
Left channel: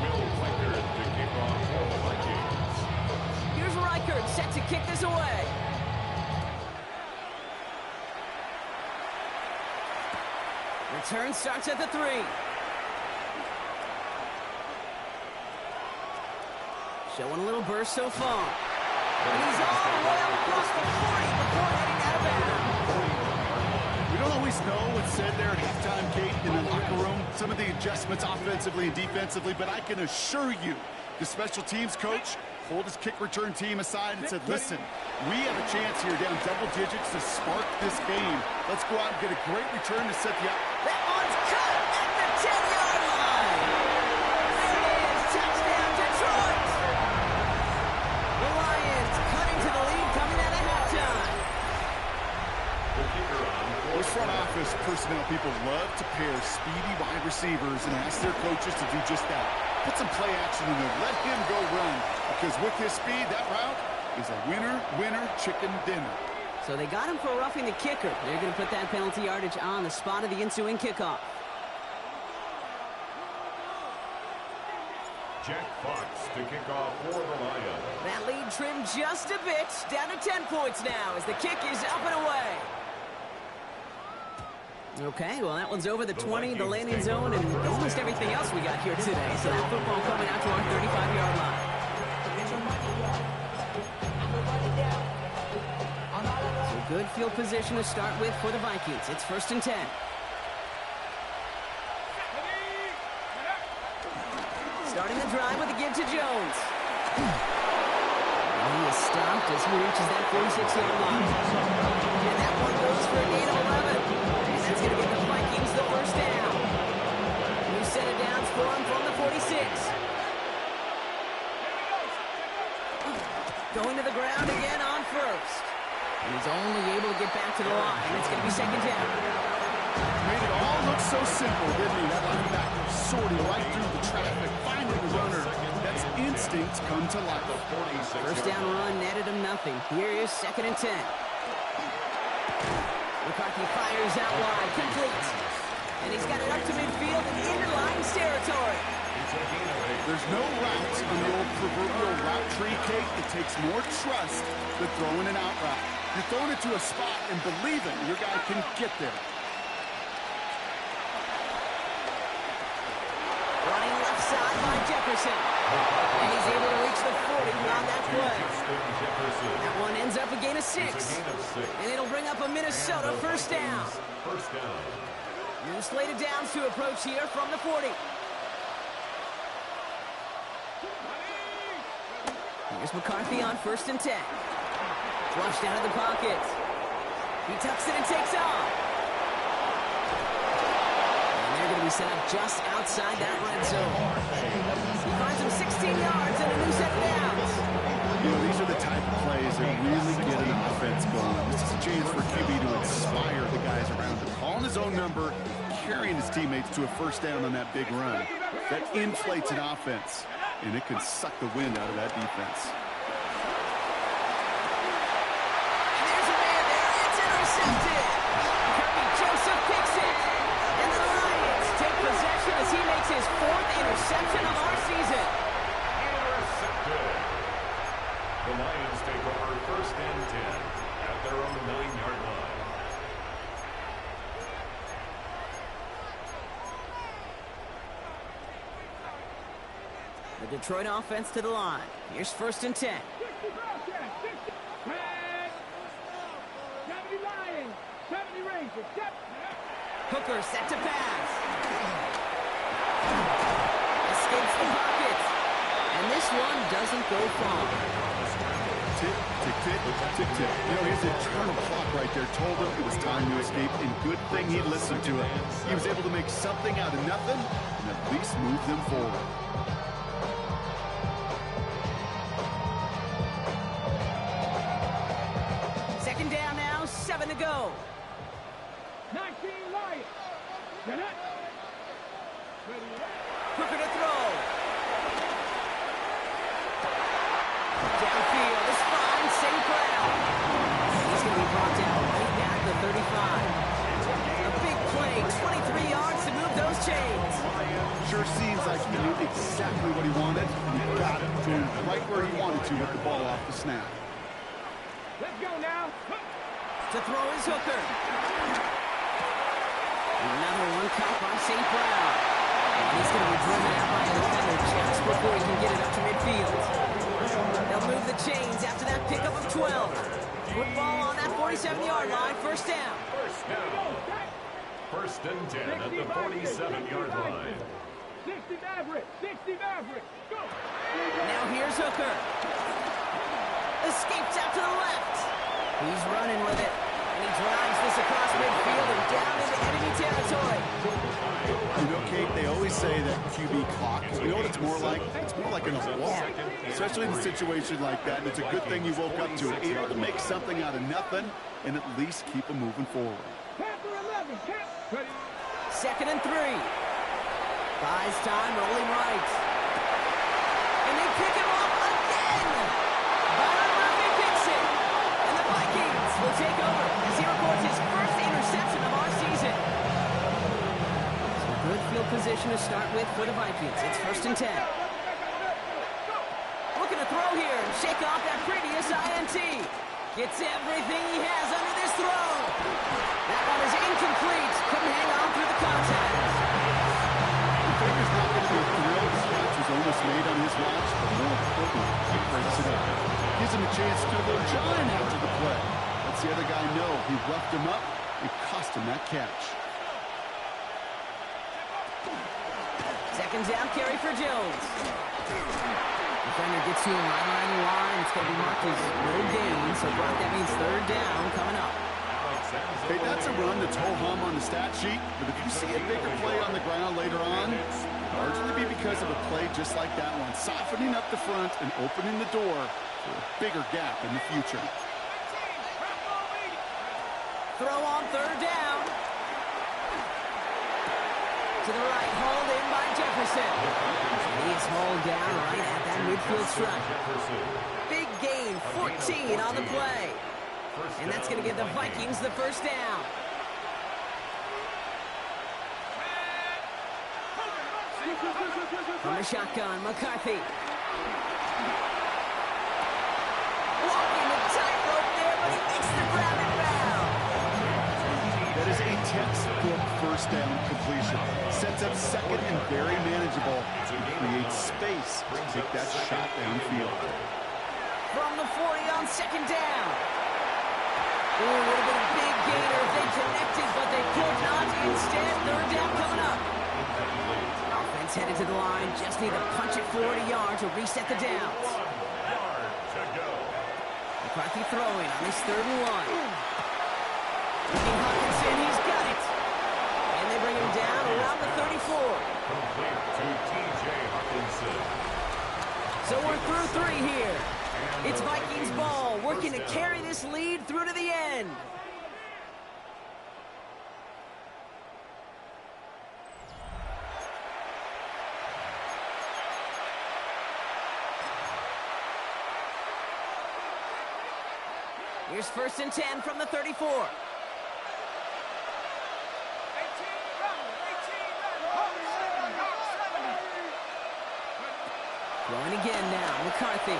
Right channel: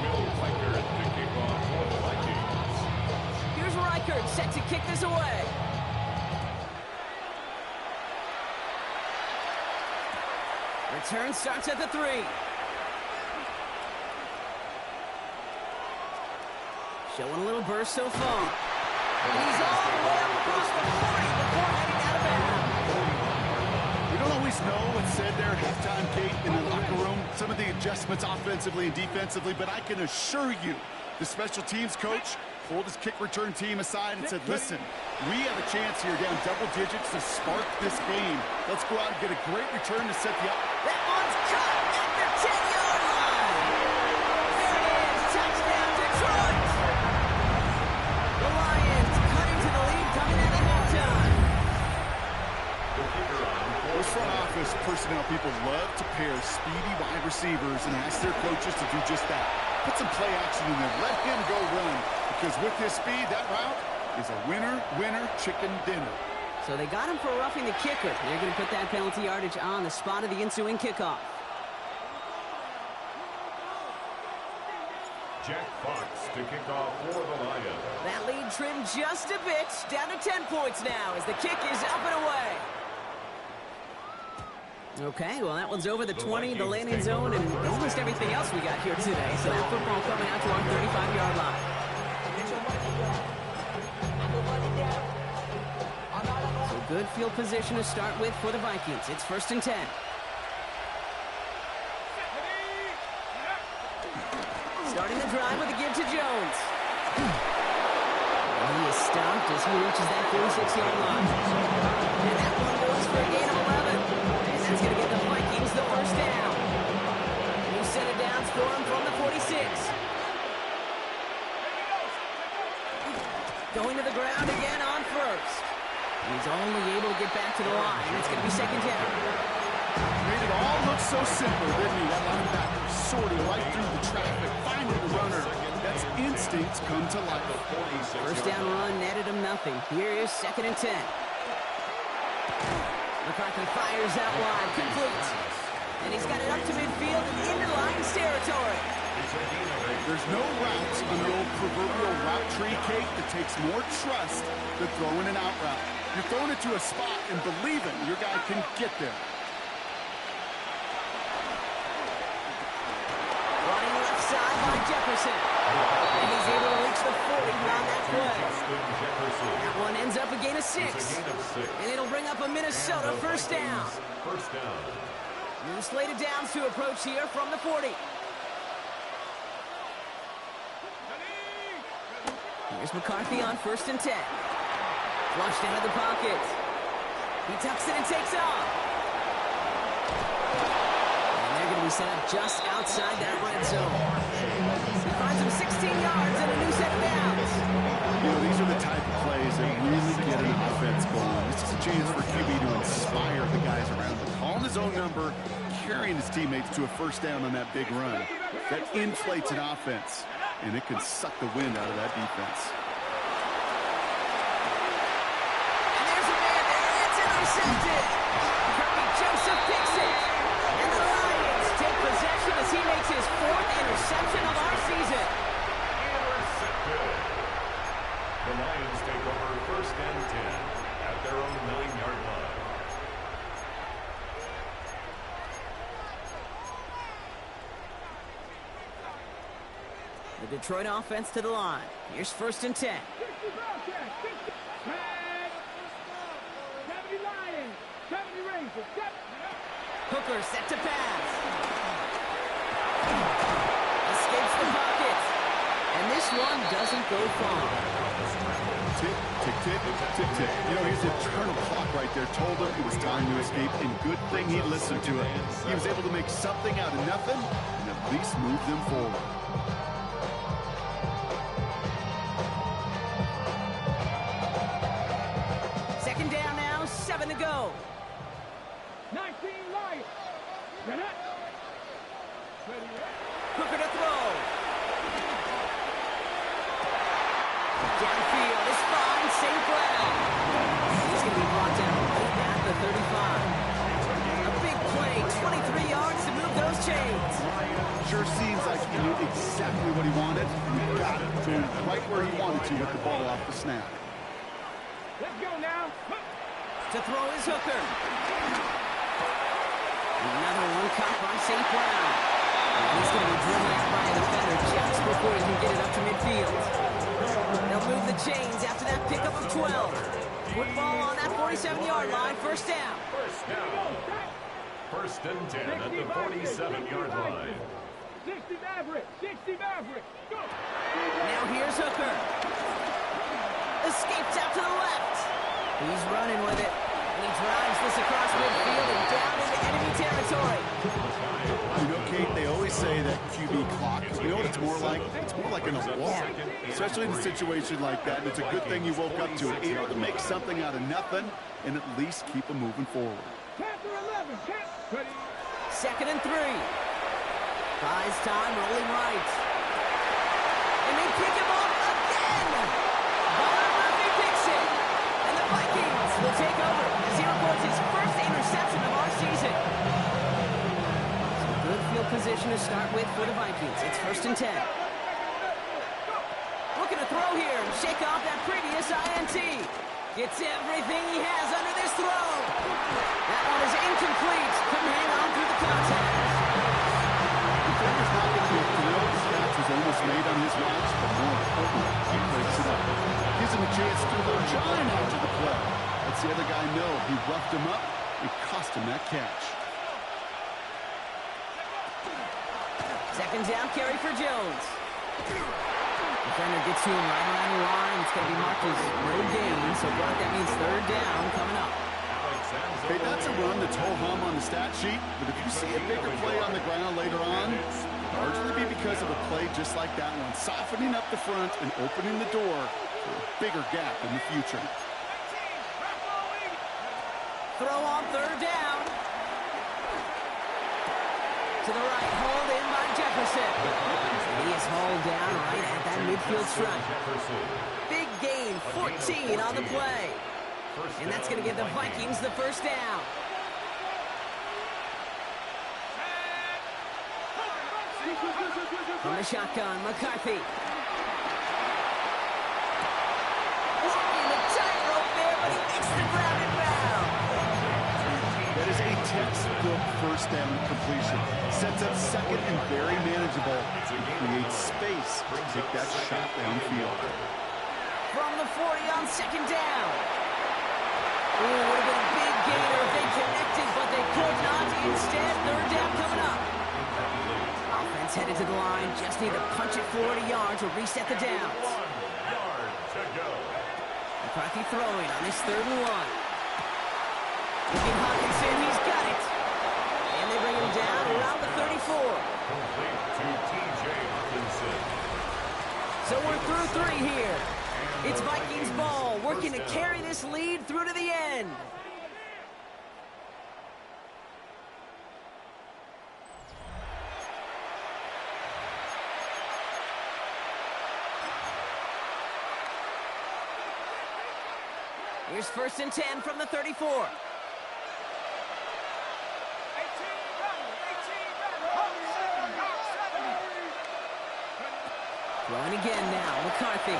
Will Reichert to kick off for the Vikings. Here's Reichert set to kick this away. Return starts at the 3. Showing a little burst so far. And he's all the way up across the 40 before heading out of bounds. We don't always know what's said there at halftime, Kate, in the locker room. Some of the adjustments offensively and defensively, but I can assure you the special teams coach pulled his kick return team aside and said, listen, we have a chance here down double digits to spark this game. Let's go out and get a great return to set the up. That one's cut at the 10-yard line. There it is. Touchdown, Detroit. The Lions cutting to the lead coming out of halftime. Those front office personnel people love to pair speedy wide receivers and ask their coaches to do just that. Put some play action in there. Let him go run. Because with his speed, that route is a winner, winner, chicken dinner. So they got him for roughing the kicker. They're going to put that penalty yardage on the spot of the ensuing kickoff. Jack Fox to kick off for the Lions. That lead trimmed just a bit. Down to 10 points now as the kick is up and away. Okay, well, that one's over the 20, the landing zone, and almost everything else we got here today. So that football coming out to our 35-yard line. So good field position to start with for the Vikings. It's 1st and 10. Starting the drive with a give to Jones. And he is stopped as he reaches that 46-yard line. And that one goes for a gain of 11. And that's going to give the Vikings the first down. New set of downs for him from the 46. Going to the ground again on first. And he's only able to get back to the line. It's going to be 2nd down. Made it all look so simple, didn't he? That linebacker sorting right through the traffic, finding the runner. That's instinct come to life. First down run netted him nothing. Here is 2nd and 10. McCarthy fires out wide, complete. And he's got it up to midfield and into Lions territory. There's no route on the old proverbial route tree, Kate, that takes more trust than throwing an out route. You're throwing it to a spot and believing your guy can get there. Running left side by Jefferson. And he's able to reach the 40 on that play. That one ends up a gain of 6. And it'll bring up a Minnesota first down. New slate of downs to approach here from the 40. Here's McCarthy on 1st and 10. Flushed out of the pocket. He tucks it and takes off. And they're going to be set up just outside that red zone. He finds him 16 yards and a new set of downs. You know, these are the type of plays that really get an offense going. This is a chance for QB to inspire the guys around him. Calling his own number, carrying his teammates to a first down on that big run. That inflates an offense, and it can suck the wind out of that defense. And there's a man there. It's intercepted. Kirby Joseph picks it. And the Lions take possession as he makes his 4th interception of our season. Intercepted. The Lions take over 1st and 10 at their own 9-yard line. The Detroit offense to the line. Here's 1st and 10. 70 Lions, 70 Rangers. Hooker set to pass. Escapes the pocket. And this one doesn't go far. Tick, tick, tick, tick, tick. You know, his internal clock right there told him it was time to escape, and good thing he listened to it. He was able to make something out of nothing and at least move them forward. Second down now, 7 to go. 19 Lions. Hooker to throw. Downfield is fine, St. Brown. He's going to be brought down right at the 35. A big play, 23 yards to move those chains. Sure seems like he knew exactly what he wanted, and he got it to him right where he wanted to with the ball off the snap. Let's go now. To throw is Hooker. Another one caught by St. Brown. And he's going to be driven out by a defender just before he can get it up to midfield. They'll move the chains after that pickup of 12. Football on that 47-yard line, first down. First down. First and 10 at the 47-yard line. 60 Maverick, 60 Maverick, go! Now here's Hooker. Escapes out to the left. He's running with it. And he drives this across midfield and down into enemy territory. You know, Kate, they always say that QB clock. You know what it's more like? It's more like in a walk. Especially in a situation like that. And it's a good thing you woke up to it. Able to make something out of nothing and at least keep them moving forward. Panther 11, ready. 2nd and 3. Buys time, rolling right. And they pick him off again. Byron Murphy picks it. And the Vikings will take over as he records his first interception of our season. Some good field position to start with for the Vikings. It's 1st and 10. Looking to throw here and shake off that previous INT. Gets everything he has under this throw. That one is incomplete. Couldn't hang on through the contact. Defender's not going to be thrilled. The catch was almost made on his watch, but more importantly, he breaks it up. Gives him a chance to go giant after the play. Lets the other guy know he roughed him up and cost him that catch. 2nd down carry for Jones. Defender gets to him right around the line. It's going to be marked as no gain, so Brock, that means 3rd down coming up. Hey, that's a run that's ho-hum on the stat sheet, but if you see a bigger play on the ground later on, largely be because of a play just like that one, softening up the front and opening the door for a bigger gap in the future. Throw on 3rd down. To the right, hauled in by Jefferson. And he is hauled down right at that midfield stripe. Big gain, 14 on the play. And that's going to give the Vikings the 1st down. From the shotgun, McCarthy. Walking the tightrope there, but he makes the ground and bound. That is a textbook 1st down completion. Sets up 2nd and very manageable. And creates space to take that shot downfield. From the 40 on 2nd down. Ooh, would have been a big gainer if they connected, but they could not. Instead, 3rd down coming up. Offense headed to the line. Just need to punch it 40 yards to reset the downs. 1 yard to go. McCarthy throwing on this 3rd and 1. Looking Hawkinson, he's got it. And they bring him down around the 34. Complete to T.J. Hawkinson. So we're through 3 here. It's Vikings ball, working to carry this lead through to the end. Here's 1st and 10 from the 34. Throwing again now, McCarthy.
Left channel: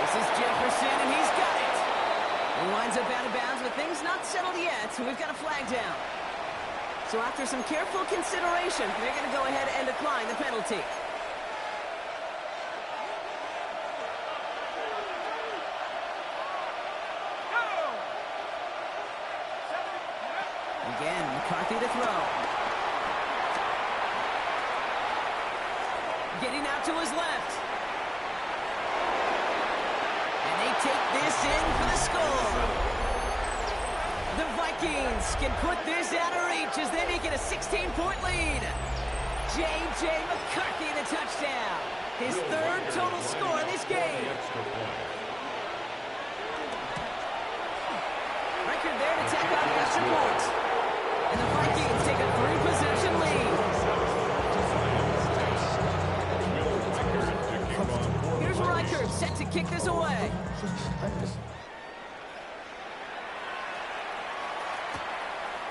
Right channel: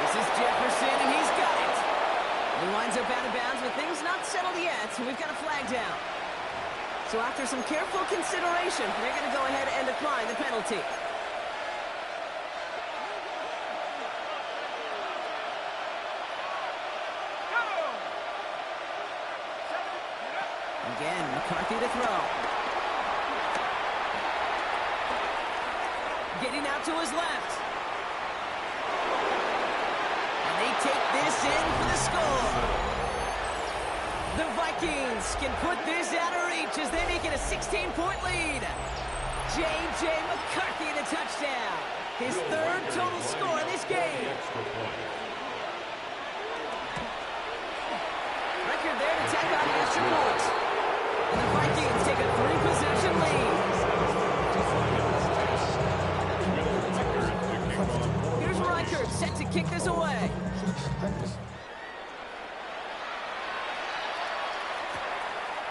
This is Jefferson, and he's got it. He winds up out of bounds, but things not settled yet, so we've got a flag down. So after some careful consideration, they're going to go ahead and decline the penalty. Again, McCarthy to throw. Getting out to his left. And they take this in for the score. The Vikings can put this out of reach as they make it a 16-point lead. J.J. McCarthy the touchdown. His 3rd total score in this game. Record there to tack on the extra point. And the Vikings take a 3-possession lead. Here's Reichert set to kick this away.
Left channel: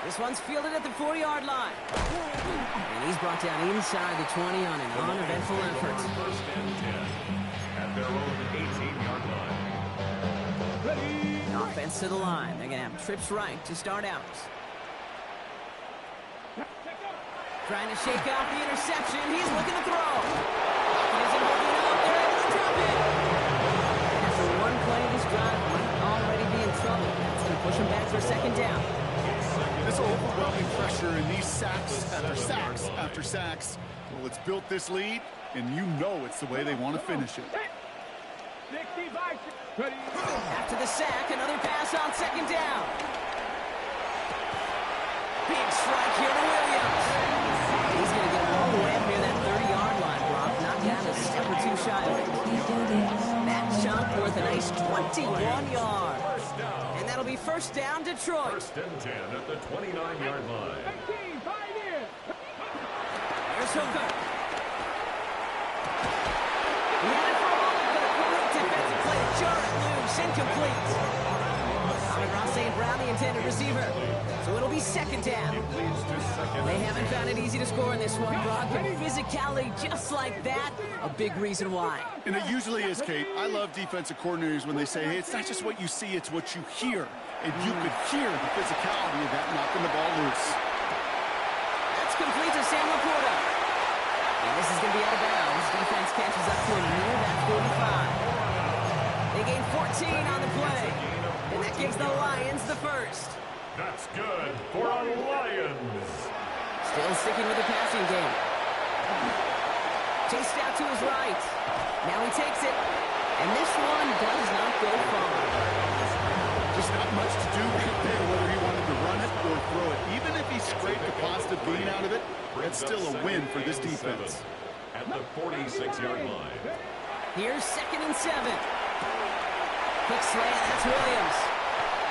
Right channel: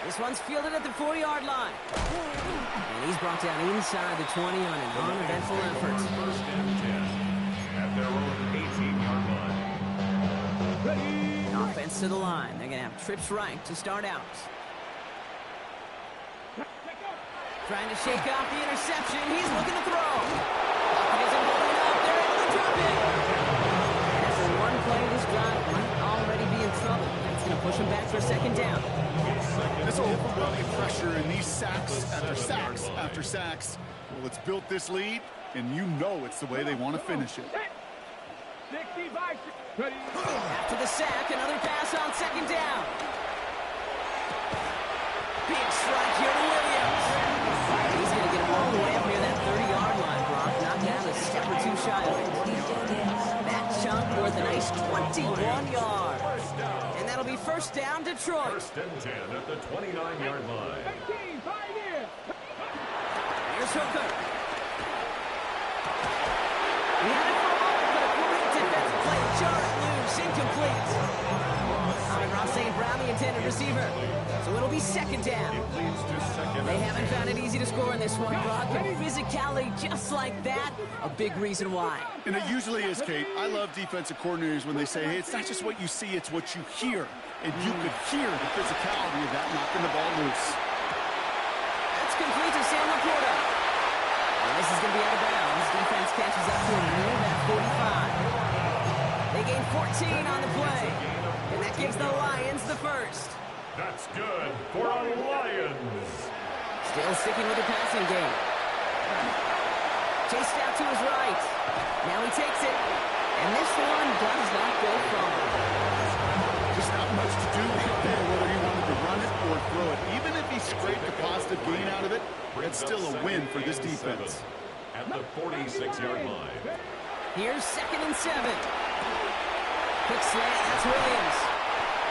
This one's fielded at the 40-yard line. And he's brought down inside the 20 on an uneventful effort. 1st and 10 at their own 18-yard line. Ready. offense to the line. They're going to have trips right to start out. Trying to shake off the interception. He's looking to throw. Pocket isn't holding up. They're able to drop it. And after one play, this drive might already be in trouble. That's going to push him back for second down. This overwhelming pressure and these sacks after sacks after sacks. Well, it's built this lead, and you know it's the way they want to finish it. 65. Ready. After the sack, another pass on second down. Big strike here to Williams. He's going to get him all the way up near that 30-yard line, Brock. Knocked down a step or two shy of it. That chunk worth a nice 21 yards. And that'll be first down, Detroit. First and 10 at the 29-yard line. 18, 5 in. Here's Hooker. He had it for a moment, but a great defensive play to jar it loose. Incomplete. Ross St. Brown, the intended receiver. So it'll be second down. They haven't found it easy to score in this one, Brock. But physicality just like that, a big reason why. And it usually is, Kate. I love defensive coordinators when they say, hey, it's not just what you see, it's what you hear. And you could hear the physicality of that knocking the ball loose. That's complete to Sam Laporta. And this is going to be out of bounds. Defense catches up to him near that 45. They gain 14 on the play. And that gives the Lions the first. That's good for our Lions. Still sticking with the passing game. Chased out to his right. Now he takes it. And this one does not go far. Just not much to do right there, whether he wanted to run it or throw it. Even if he scraped a positive gain out of it, that's still a win for this defense. At the 46-yard line. Here's 2nd and 7. Quick slant, that's Williams.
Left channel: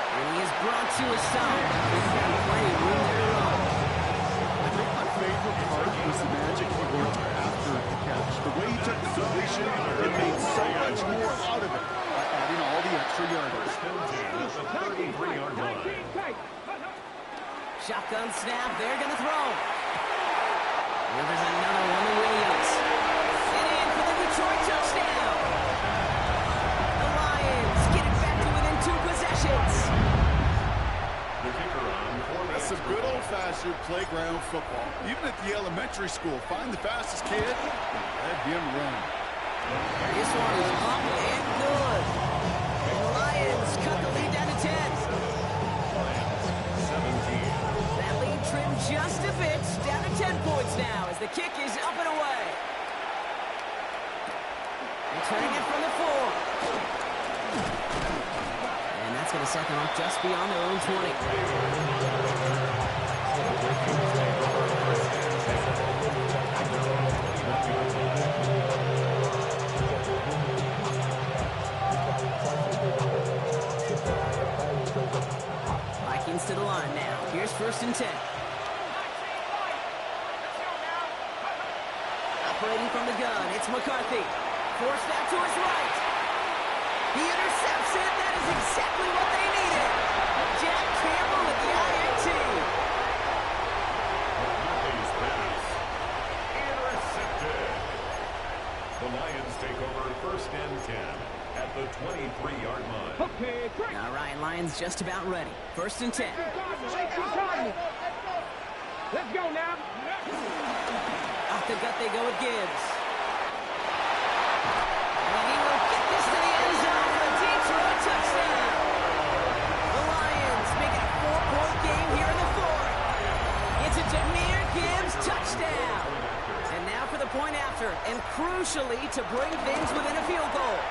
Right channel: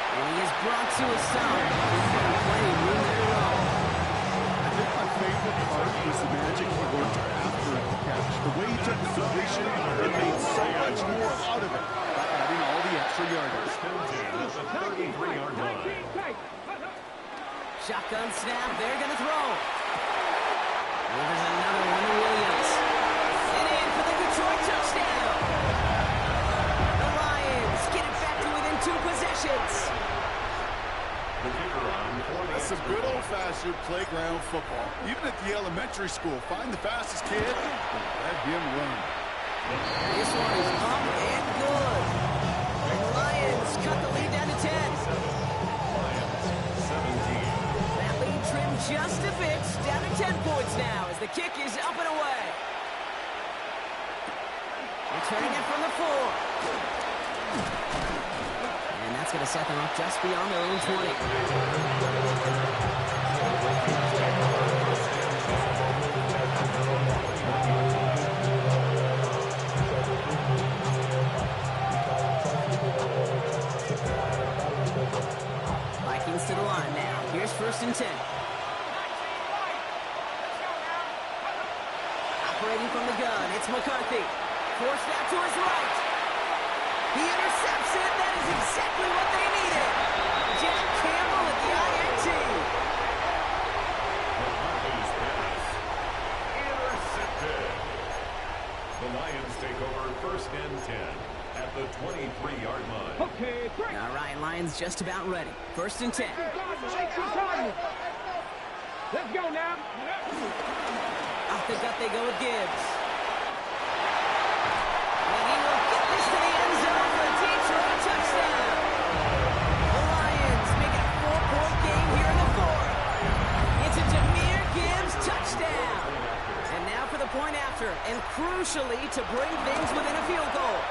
And he is brought to a stop. He's got plenty of room there to run. I think my favorite part was the magic he worked after the catch. The way he took the completion and made so much more out of it by adding all the extra yardage. First and 10 at the 33-yard line. Shotgun snap, they're going to throw. Delivers another one to Williams. And in for the Detroit touchdown. The Lions get it back to within 2 possessions. The kicker on for That's some good old-fashioned playground football. Even at the elementary school, find the fastest kid and let him run. This one is up and good. And the Lions cut the lead down to 10. Lions 17. That lead trimmed just a bit, down to 10 points now as the kick is up and away. Returning it from the 4. And that's going to set them up just beyond their own 20. Vikings to the line now. Here's 1st and 10. Operating from the gun, it's McCarthy. Forced out to his right. He intercepts it. That is exactly what they needed. Jack Campbell at the INT. McCarthy's pass intercepted. The Lions take over 1st and 10 at the 23-yard line. Okay, break. All right, Lions just about ready. 1st and 10. Let's go now. Off the gut they go with Gibbs. And he will get this to the end zone for a Detroit touchdown. The Lions make it a 4-point game here in the 4th. It's a Jahmyr Gibbs touchdown. And now for the point after, and crucially to bring things within a field goal.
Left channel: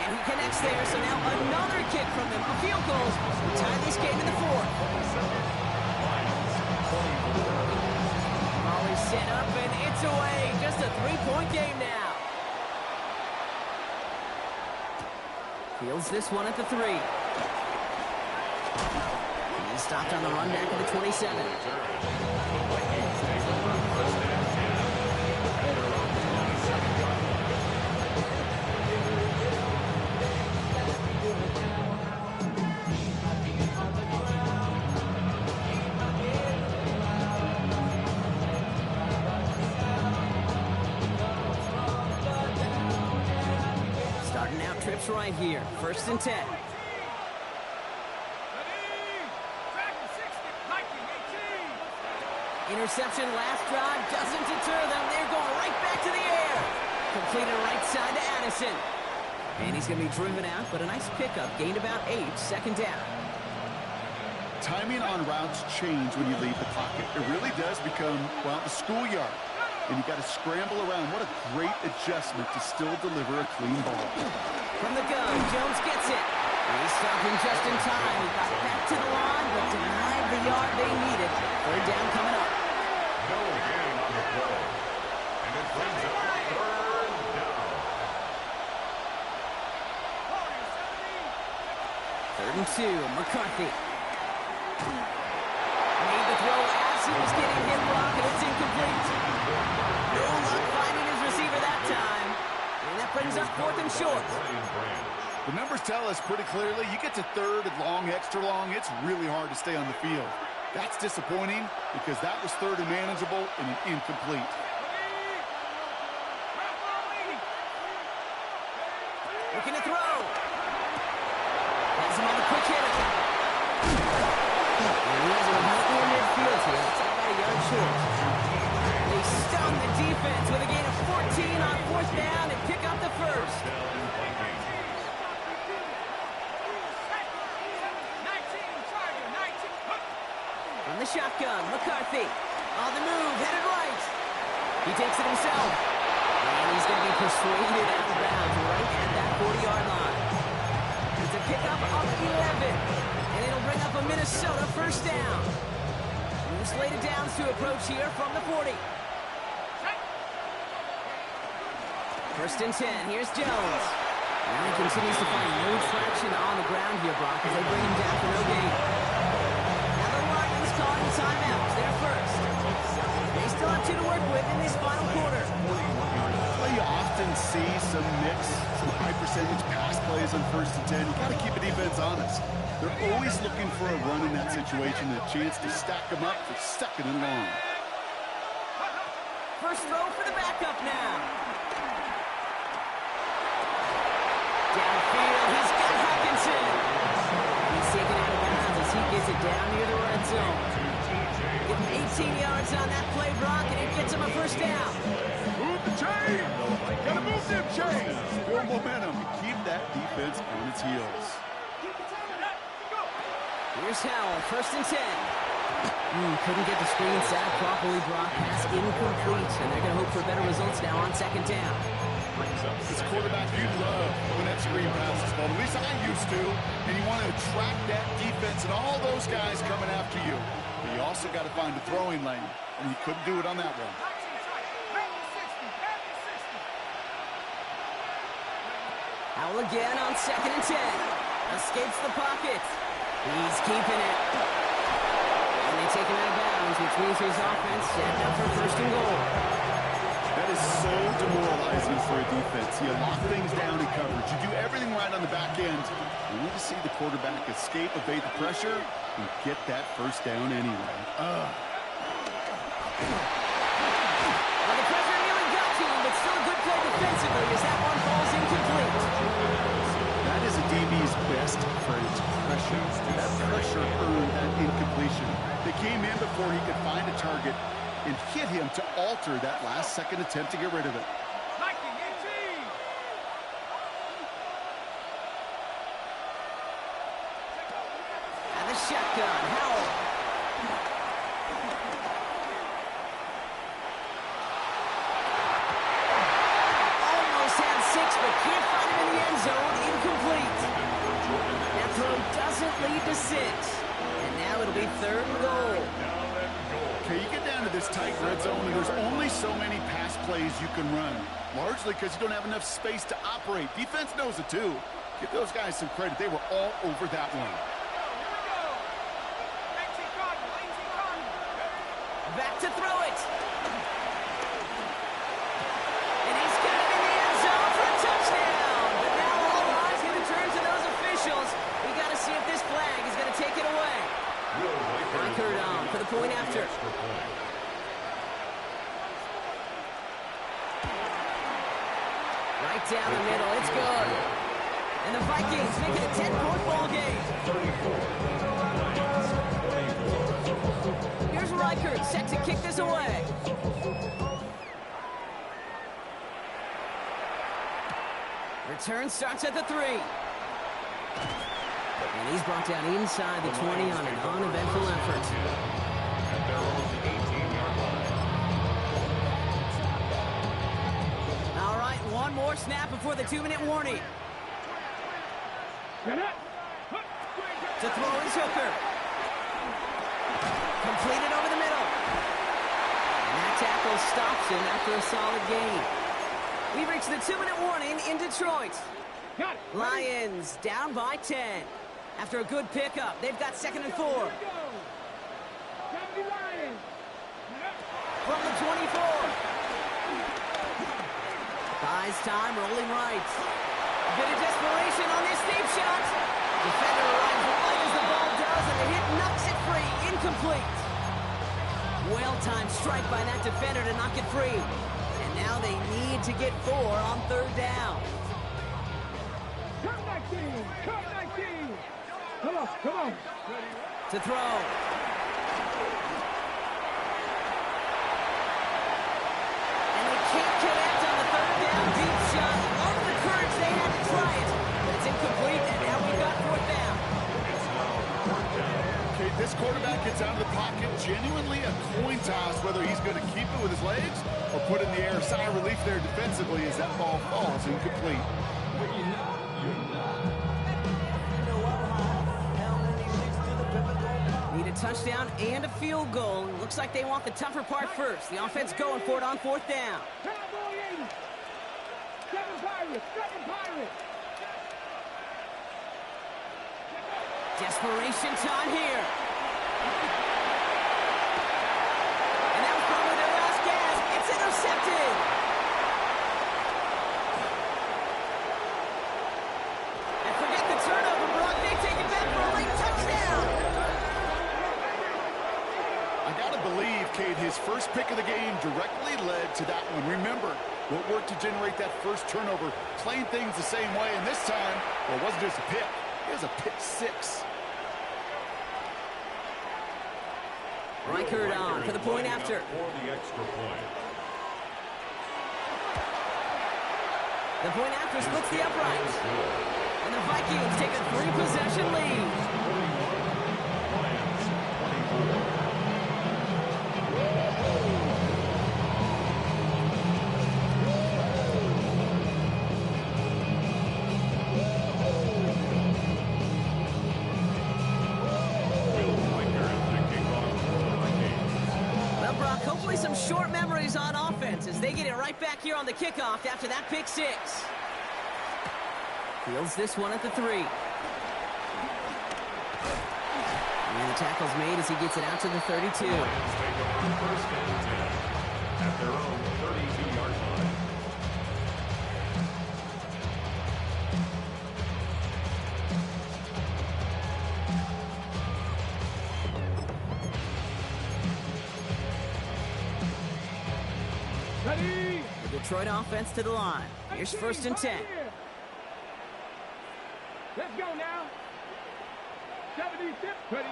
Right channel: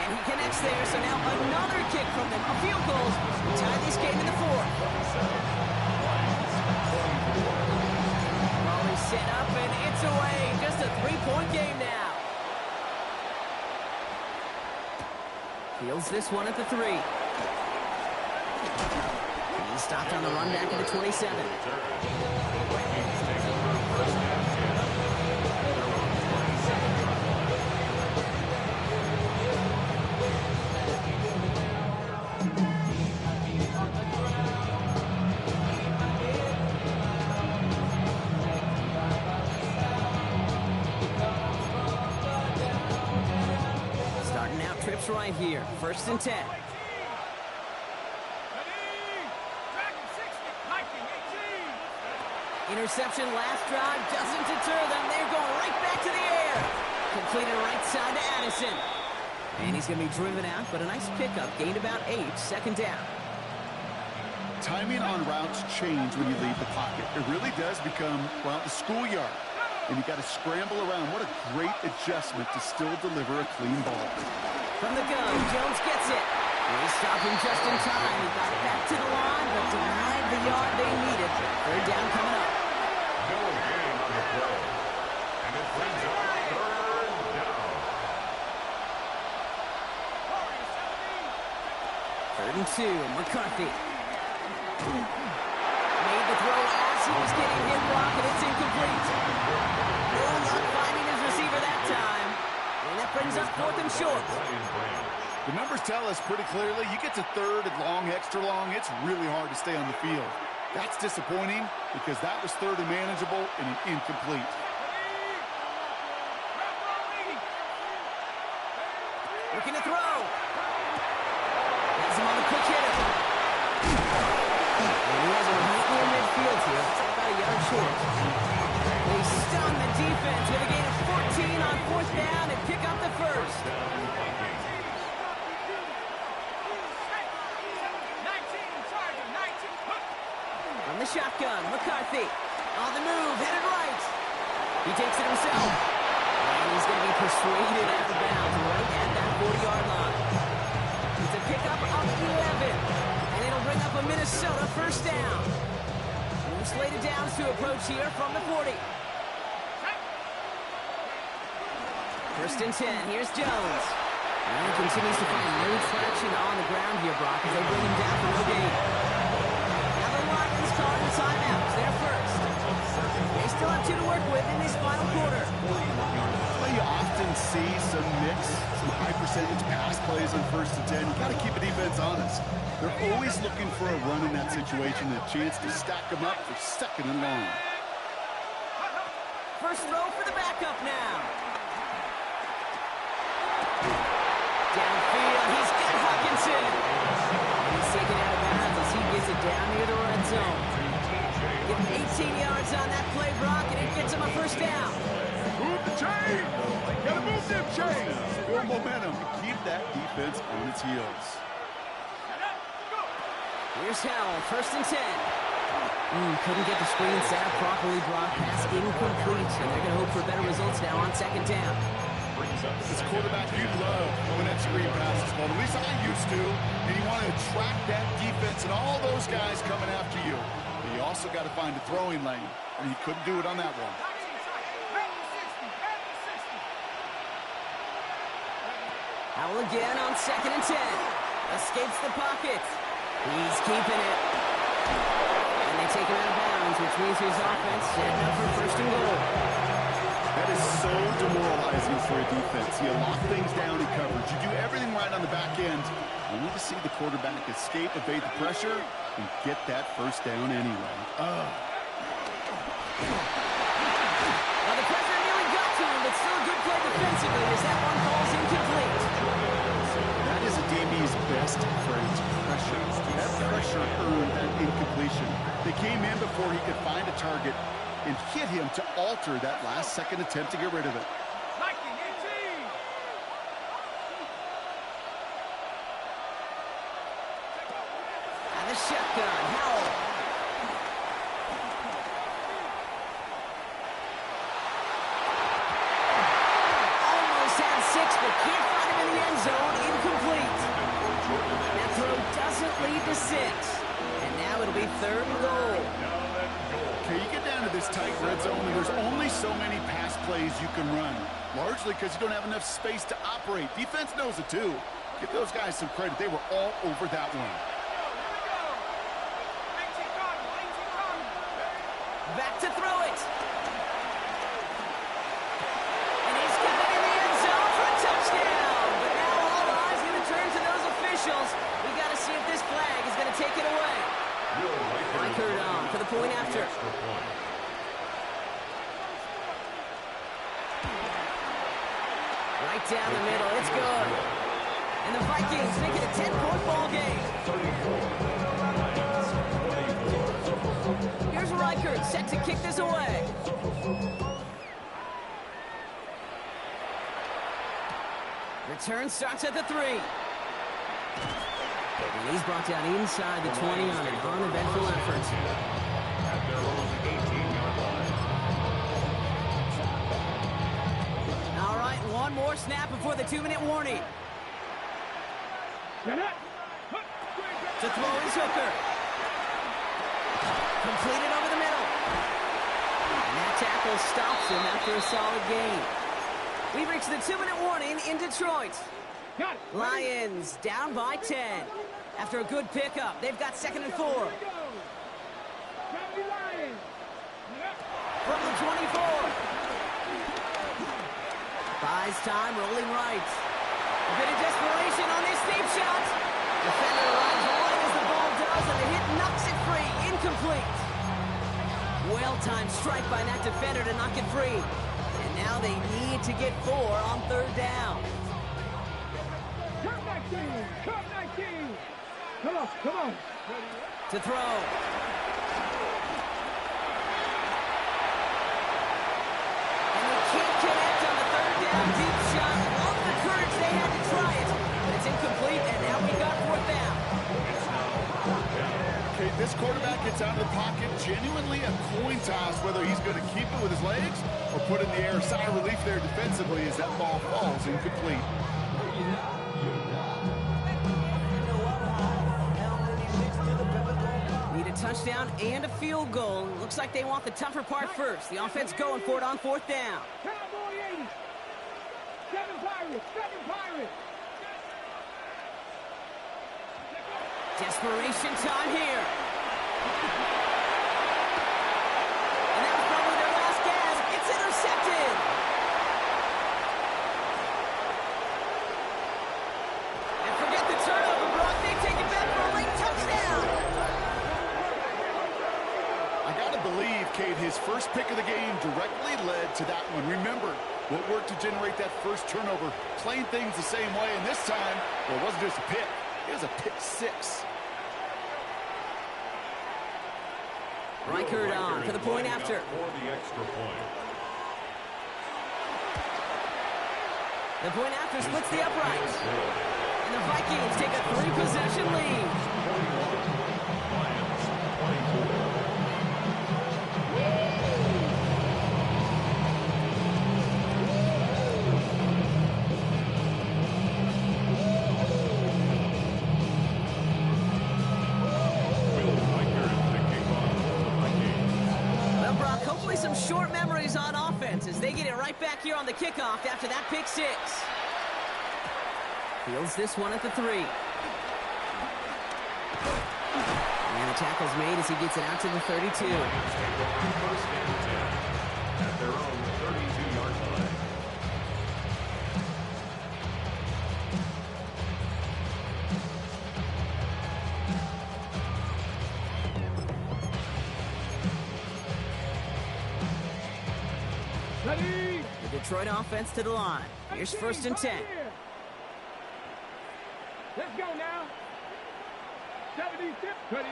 And he connects there, so now another kick from them, a field goal, to tie this game in the 4th. Ball is set up, and it's away. Just a 3-point game now. Fields this one at the 3. And he's stopped on the run back at the 27. The Vikings take over 1st and 10 at their own 27-yard line. Starting out trips right here. 1st and 10. Interception last drive doesn't deter them. They're going right back to the air. Completed right side to Addison. And he's going to be driven out, but a nice pickup. Gained about 8, second down. Timing on routes change when you leave the pocket. It really does become, well, the schoolyard. And you got to scramble around. What a great adjustment to still deliver a clean ball. From the gun, Jones gets it. They stop him just in time. He got back to the line, but denied the yard they needed. Third down coming up. No gain on the play. And it brings up third down. 3rd and 2, McCarthy. Made the throw as he was getting hit, Brock, and it's incomplete. No luck finding his receiver that time. And that brings up 4th and short. The numbers tell us pretty clearly, you get to 3rd and long, extra long, it's really hard to stay on the field. That's disappointing because that was 3rd and manageable and an incomplete. Looking to throw. Has him on the quick hitter. And he has him right near midfield here. It's like about a yard short. They stun the defense with a gain of 14 on 4th down and pick up the first. From the shotgun, McCarthy. On the move, headed right. He takes it himself. And he's going to be persuaded out of bounds right at that 40-yard line. It's a pickup of 11. And it'll bring up a Minnesota first down. New slated downs to approach here from the 40. 1st and 10. Here's Jones. Well, he continues to find no traction on the ground here, Brock, as they bring him down for no gain. Now the Lions calling the timeouts. They're first. They still have 2 to work with in this final quarter. Well, you often see some mix, some high percentage pass plays on 1st and 10. You got to keep the defense honest. They're always looking for a run in that situation, a chance to stack them up for 2nd and long. First throw for the backup now. Downfield, he's got Hawkinson. And he's taken out of bounds as he gets it down near the red zone. Give him 18 yards on that play, Brock, and it gets him a first down. Move the chain! Gotta move them chains! Build momentum to keep that defense on its heels. Here's Howell, 1st and 10. Couldn't get the screen set up properly, Brock. Pass incomplete, and they're going to hope for better results now on 2nd down. As a quarterback, you love when that screen pass is called. At least I used to. And you want to attract that defense and all those guys coming after you. But you also got to find a throwing lane. And he couldn't do it on that one. Howell again on 2nd and 10. Escapes the pocket. He's keeping it. And they take him out of bounds, which means his offense setting up for 1st and goal. That is so demoralizing for a defense. You lock things down in coverage. You do everything right on the back end. You need to see the quarterback escape, evade the pressure, and get that first down anyway. Well, the pressure nearly got to him, but still a good play defensively as that one falls incomplete. That is a DB's best friend, pressure. That pressure earned that incompletion. They came in before he could find a target and hit him to alter that last-second attempt to get rid of it. And the shotgun, Howell. Almost had 6, but can't find him in the end zone. Incomplete. That throw doesn't lead to 6. And now it'll be 3rd and goal. Okay, you get down to this tight red zone, and there's only so many pass plays you can run, largely because you don't have enough space to operate. Defense knows it, too. Give those guys some credit. They were all over that one. Back to throw it. And he's got it in the end zone for a touchdown. But now all eyes going to turn to those officials. We got to see if this flag is going to take it away. Reichert on for the point after. Right down the middle. It's good. And the Vikings make it a 10-point ball game. Here's Reichert, set to kick this away. Return starts at the 3. And he's brought down inside the 20 on an uneventful effort. At their own 18-yard line. All right, one more snap before the 2-minute warning. To throw is Hooker. Completed over the middle. And that tackle stops him after a solid gain. We've reached the 2-minute warning in Detroit. Lions down by 10. After a good pickup, they've got 2nd and 4. From the 24. Buys time, rolling right. A bit of desperation on this deep shot. Defender arrives right as the ball does, and the hit knocks it free. Incomplete. Well-timed strike by that defender to knock it free. And now they need to get 4 on 3rd down. Come 19! Come 19! Come on, come on. To throw. And they can't connect on the 3rd down deep shot. Love the courage they had to try it. But it's incomplete, and now we've got 4th down. It's now 4th down. Okay, this quarterback gets out of the pocket. Genuinely a coin toss whether he's going to keep it with his legs or put in the air. Sigh of relief there defensively as that ball falls incomplete. Need a touchdown and a field goal. Looks like they want the tougher part first. The offense going for it on 4th down. Cowboy 80. 7 Pirates. 7 Pirates. Desperation time here. And that was probably their last gas. It's intercepted. And forget the turnover, Brock. They take it back for a late touchdown. I got to believe, Kate, his first pick of the game directly led to that one. Remember, what worked to generate that first turnover, playing things the same way, and this time, well, it wasn't just a pick. It was a pick 6. Reichert on for the point after. For the extra point. The point after splits the uprights. And the Vikings take a 3-possession lead. 41. Lions 24. Hopefully some short memories on offense as they get it right back here on the kickoff after that pick 6. Fields this one at the 3. And the tackle's made as he gets it out to the 32. The Lions take over 1st and 10 at their own 32-yard line. Ready? The Detroit offense to the line. Here's 1st and 10. Let's go now. 76. Ready?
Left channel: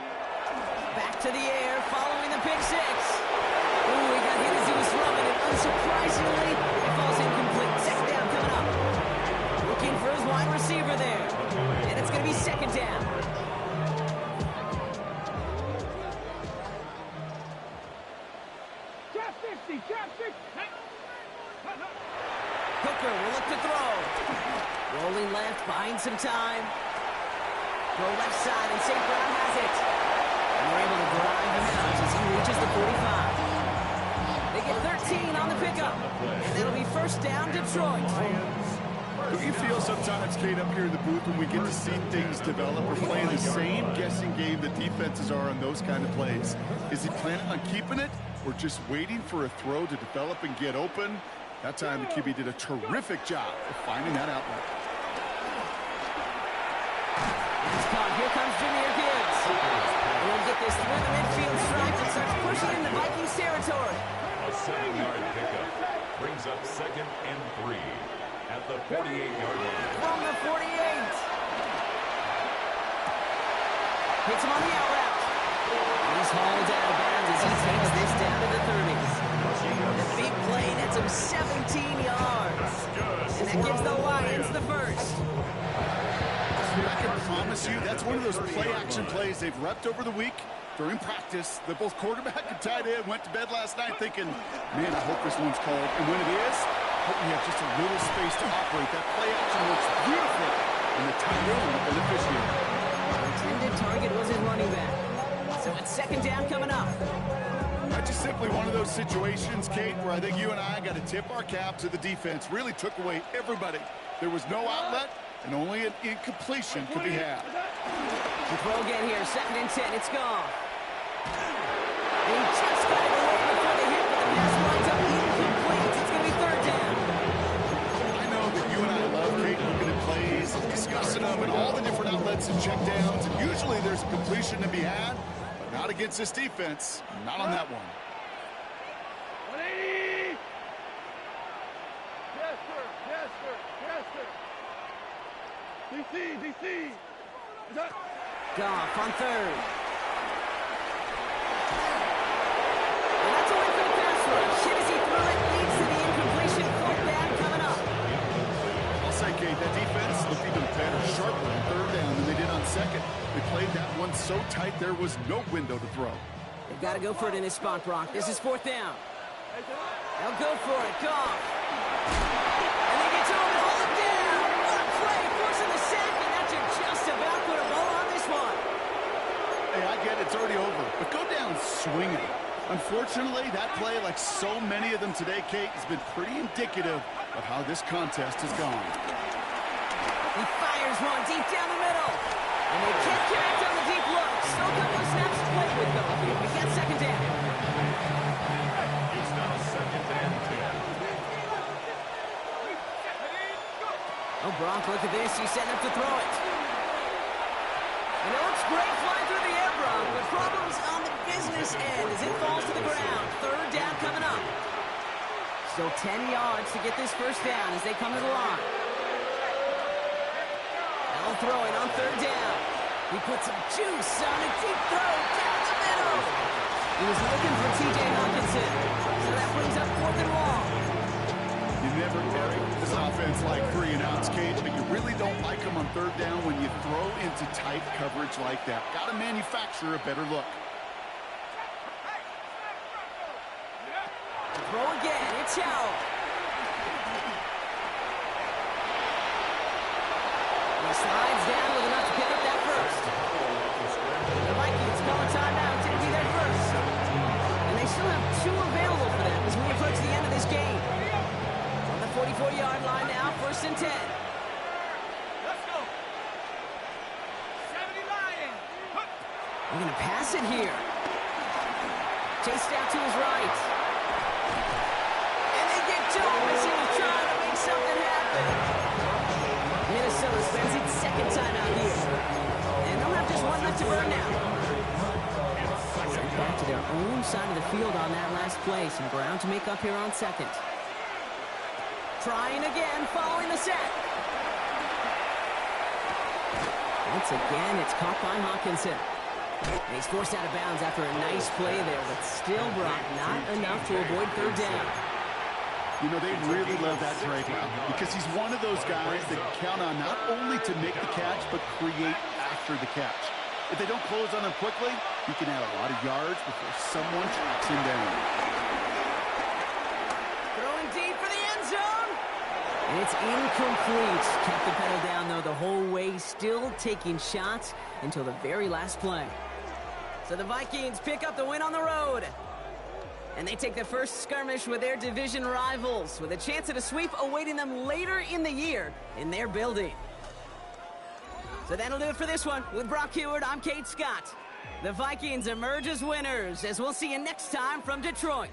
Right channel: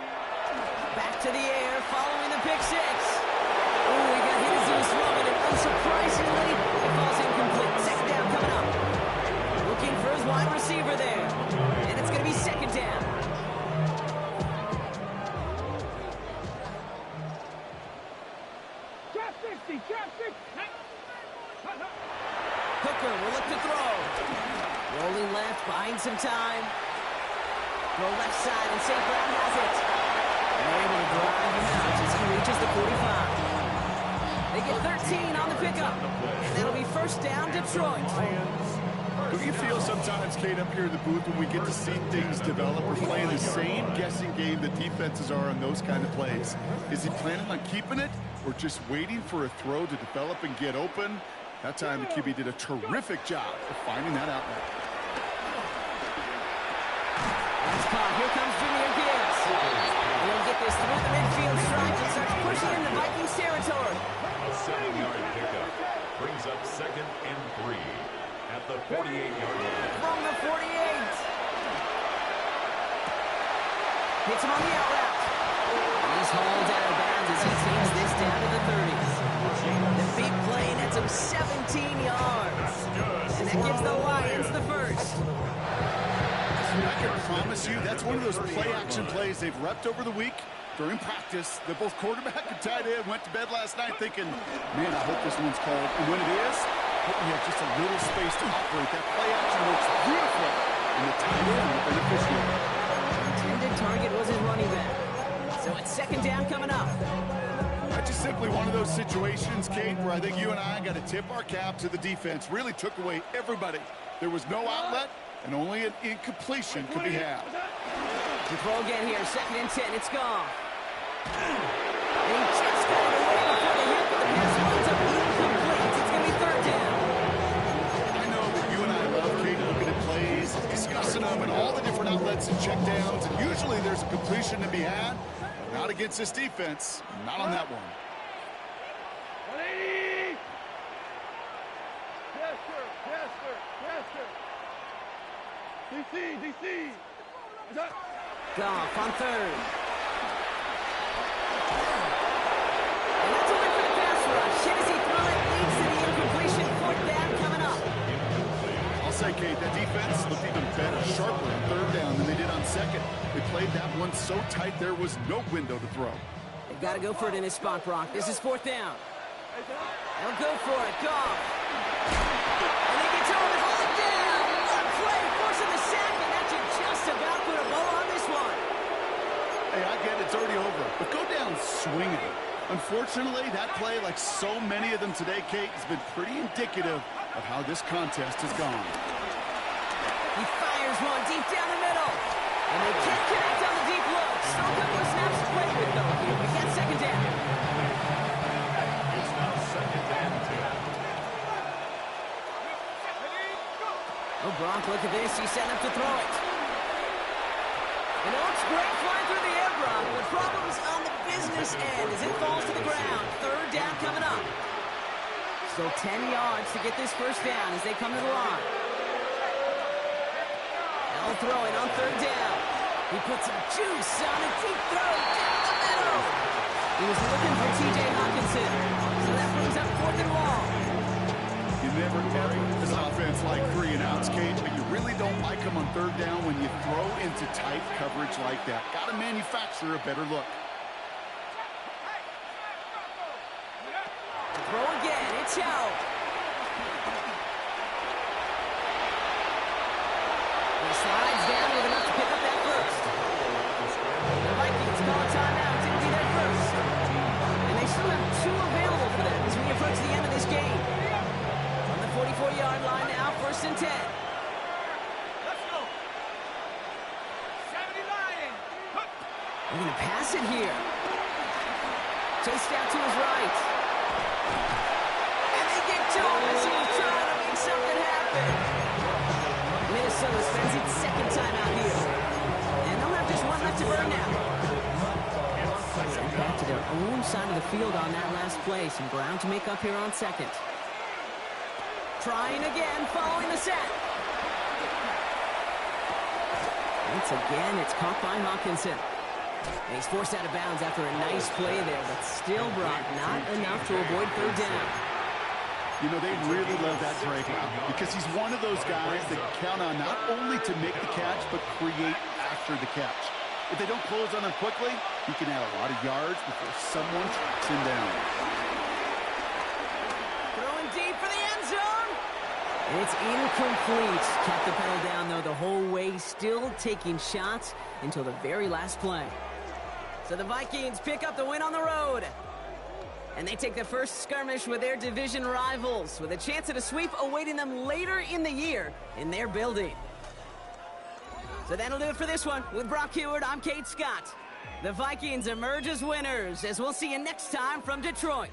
Back to the air following the pick 6. Ooh, he got hit as he was throwing it. Unsurprisingly, it falls incomplete. 2nd down coming up. Looking for his wide receiver there. And it's going to be 2nd down. Trap 60. Trap 60. Hooker will look to throw. Rolling left, buying some time. Throw left side, and St. Brown has it. And they're able to drive him out as he reaches the 45. They get 13 on the pickup. And that'll be 1st down, Detroit. Don't you feel sometimes, Kate, up here in the booth when we get to see things develop, we're playing the same guessing game the defenses are on those kind of plays? Is he planning on keeping it or just waiting for a throw to develop and get open? That time the QB did a terrific job of finding that outlet. It's caught. Here comes Jahmyr Gibbs. He'll get this through the midfield stripe and starts pushing into Vikings territory. A 7-yard pickup brings up 2nd and 3 at the 48-yard line. From the 48. Hits him on the out route. And he's hauled out of bounds as he takes this down to the 30s. The big play nets him 17 yards. And that gives the Lions the first. I can promise you that's one of those play-action plays they've repped over the week during practice. That both quarterback and tight end went to bed last night thinking, man, I hope this one's called. And when it is, I hope we have just a little space to operate. That play-action works beautifully. And the tight end, the beneficiary. The intended target was his running back. So it's second down coming up. That's just simply one of those situations, Kate, where I think you and I got to tip our cap to the defense. Really took away everybody. There was no outlet, and only an incompletion could be had. The throw again here, 2nd and 10. It's gone. And he just got it away before the hit, but the pass runs up incomplete. It's going to be 3rd down. I know that you and I love, Kate, looking at plays, discussing them, and all the different outlets and checkdowns, and usually there's a completion to be had, but not against this defense. Not on that one. 180! Yes, sir. Yes, sir. Yes, sir. DC. Goff on 3rd. And that's a win for the pass rush. Hit as he threw it, leads to the incompletion. 4th down coming up. I'll say, Kate, that defense looked even better, sharper on 3rd down than they did on 2nd. They played that one so tight there was no window to throw. They've got to go for it in this spot, Brock. This is 4th down. They'll go for it. Goff. And they get to him and hold him down. What a play, forcing the sack, and that should just about put a bow on this one. Hey, I get it's already over, but go down swinging. Unfortunately, that play, like so many of them today, Kate, has been pretty indicative of how this contest has gone. He fires one deep down the middle. And they can't connect on the deep look. Still a couple of snaps to play with, though. We got 2nd down. It's now 2nd and 10. Oh, Brock, look at this. He's setting up to throw it. And it looks great flying through the air, Brock, but problems on the business end as it falls to the ground. 3rd down coming up. Still 10 yards to get this 1st down as they come to the line. Now throwing on 3rd down. He puts some juice on a deep throw down the middle. He was looking for T.J. Hawkinson. So that brings up 4th and long. You never ever this offense like 3 and outs, Kate, but you really don't like them on 3rd down when you throw into tight coverage like that. Got to manufacture a better look. Throw again. It's Howell. He slides down with enough to pick up that first. The Vikings call a timeout. It'll be their first. And they still have 2 available for them as we approach the end of this game. On the 44-yard line now, 1st and 10. Let's go. 70 Lions. We're going to pass it here. Chased out to his right. And they get to him as he's trying to make something happen. Minnesota spends its 2nd time out here. And they'll have just 1 left to burn now. Sent back to their own side of the field on that last play. Some ground to make up here on 2nd. Trying again, following the set. Once again, it's caught by Hawkinson. And he's forced out of bounds after a nice play there, but still, Brock, not enough to avoid 3rd down. You know, they really love that Drake route because he's one of those guys that count on not only to make the catch, but create after the catch. If they don't close on him quickly, he can add a lot of yards before someone tracks him down. Throwing deep for the end zone. And it's incomplete. Kept the pedal down, though, the whole way, still taking shots until the very last play. So the Vikings pick up the win on the road. And they take the first skirmish with their division rivals, with a chance at a sweep awaiting them later in the year in their building. So that'll do it for this one. With Brock Heward, I'm Kate Scott. The Vikings emerge as winners, as we'll see you next time from Detroit.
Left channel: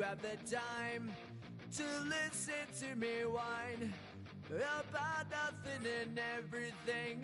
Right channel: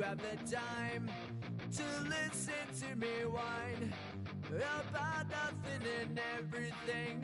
you have the time to listen to me whine about nothing and everything.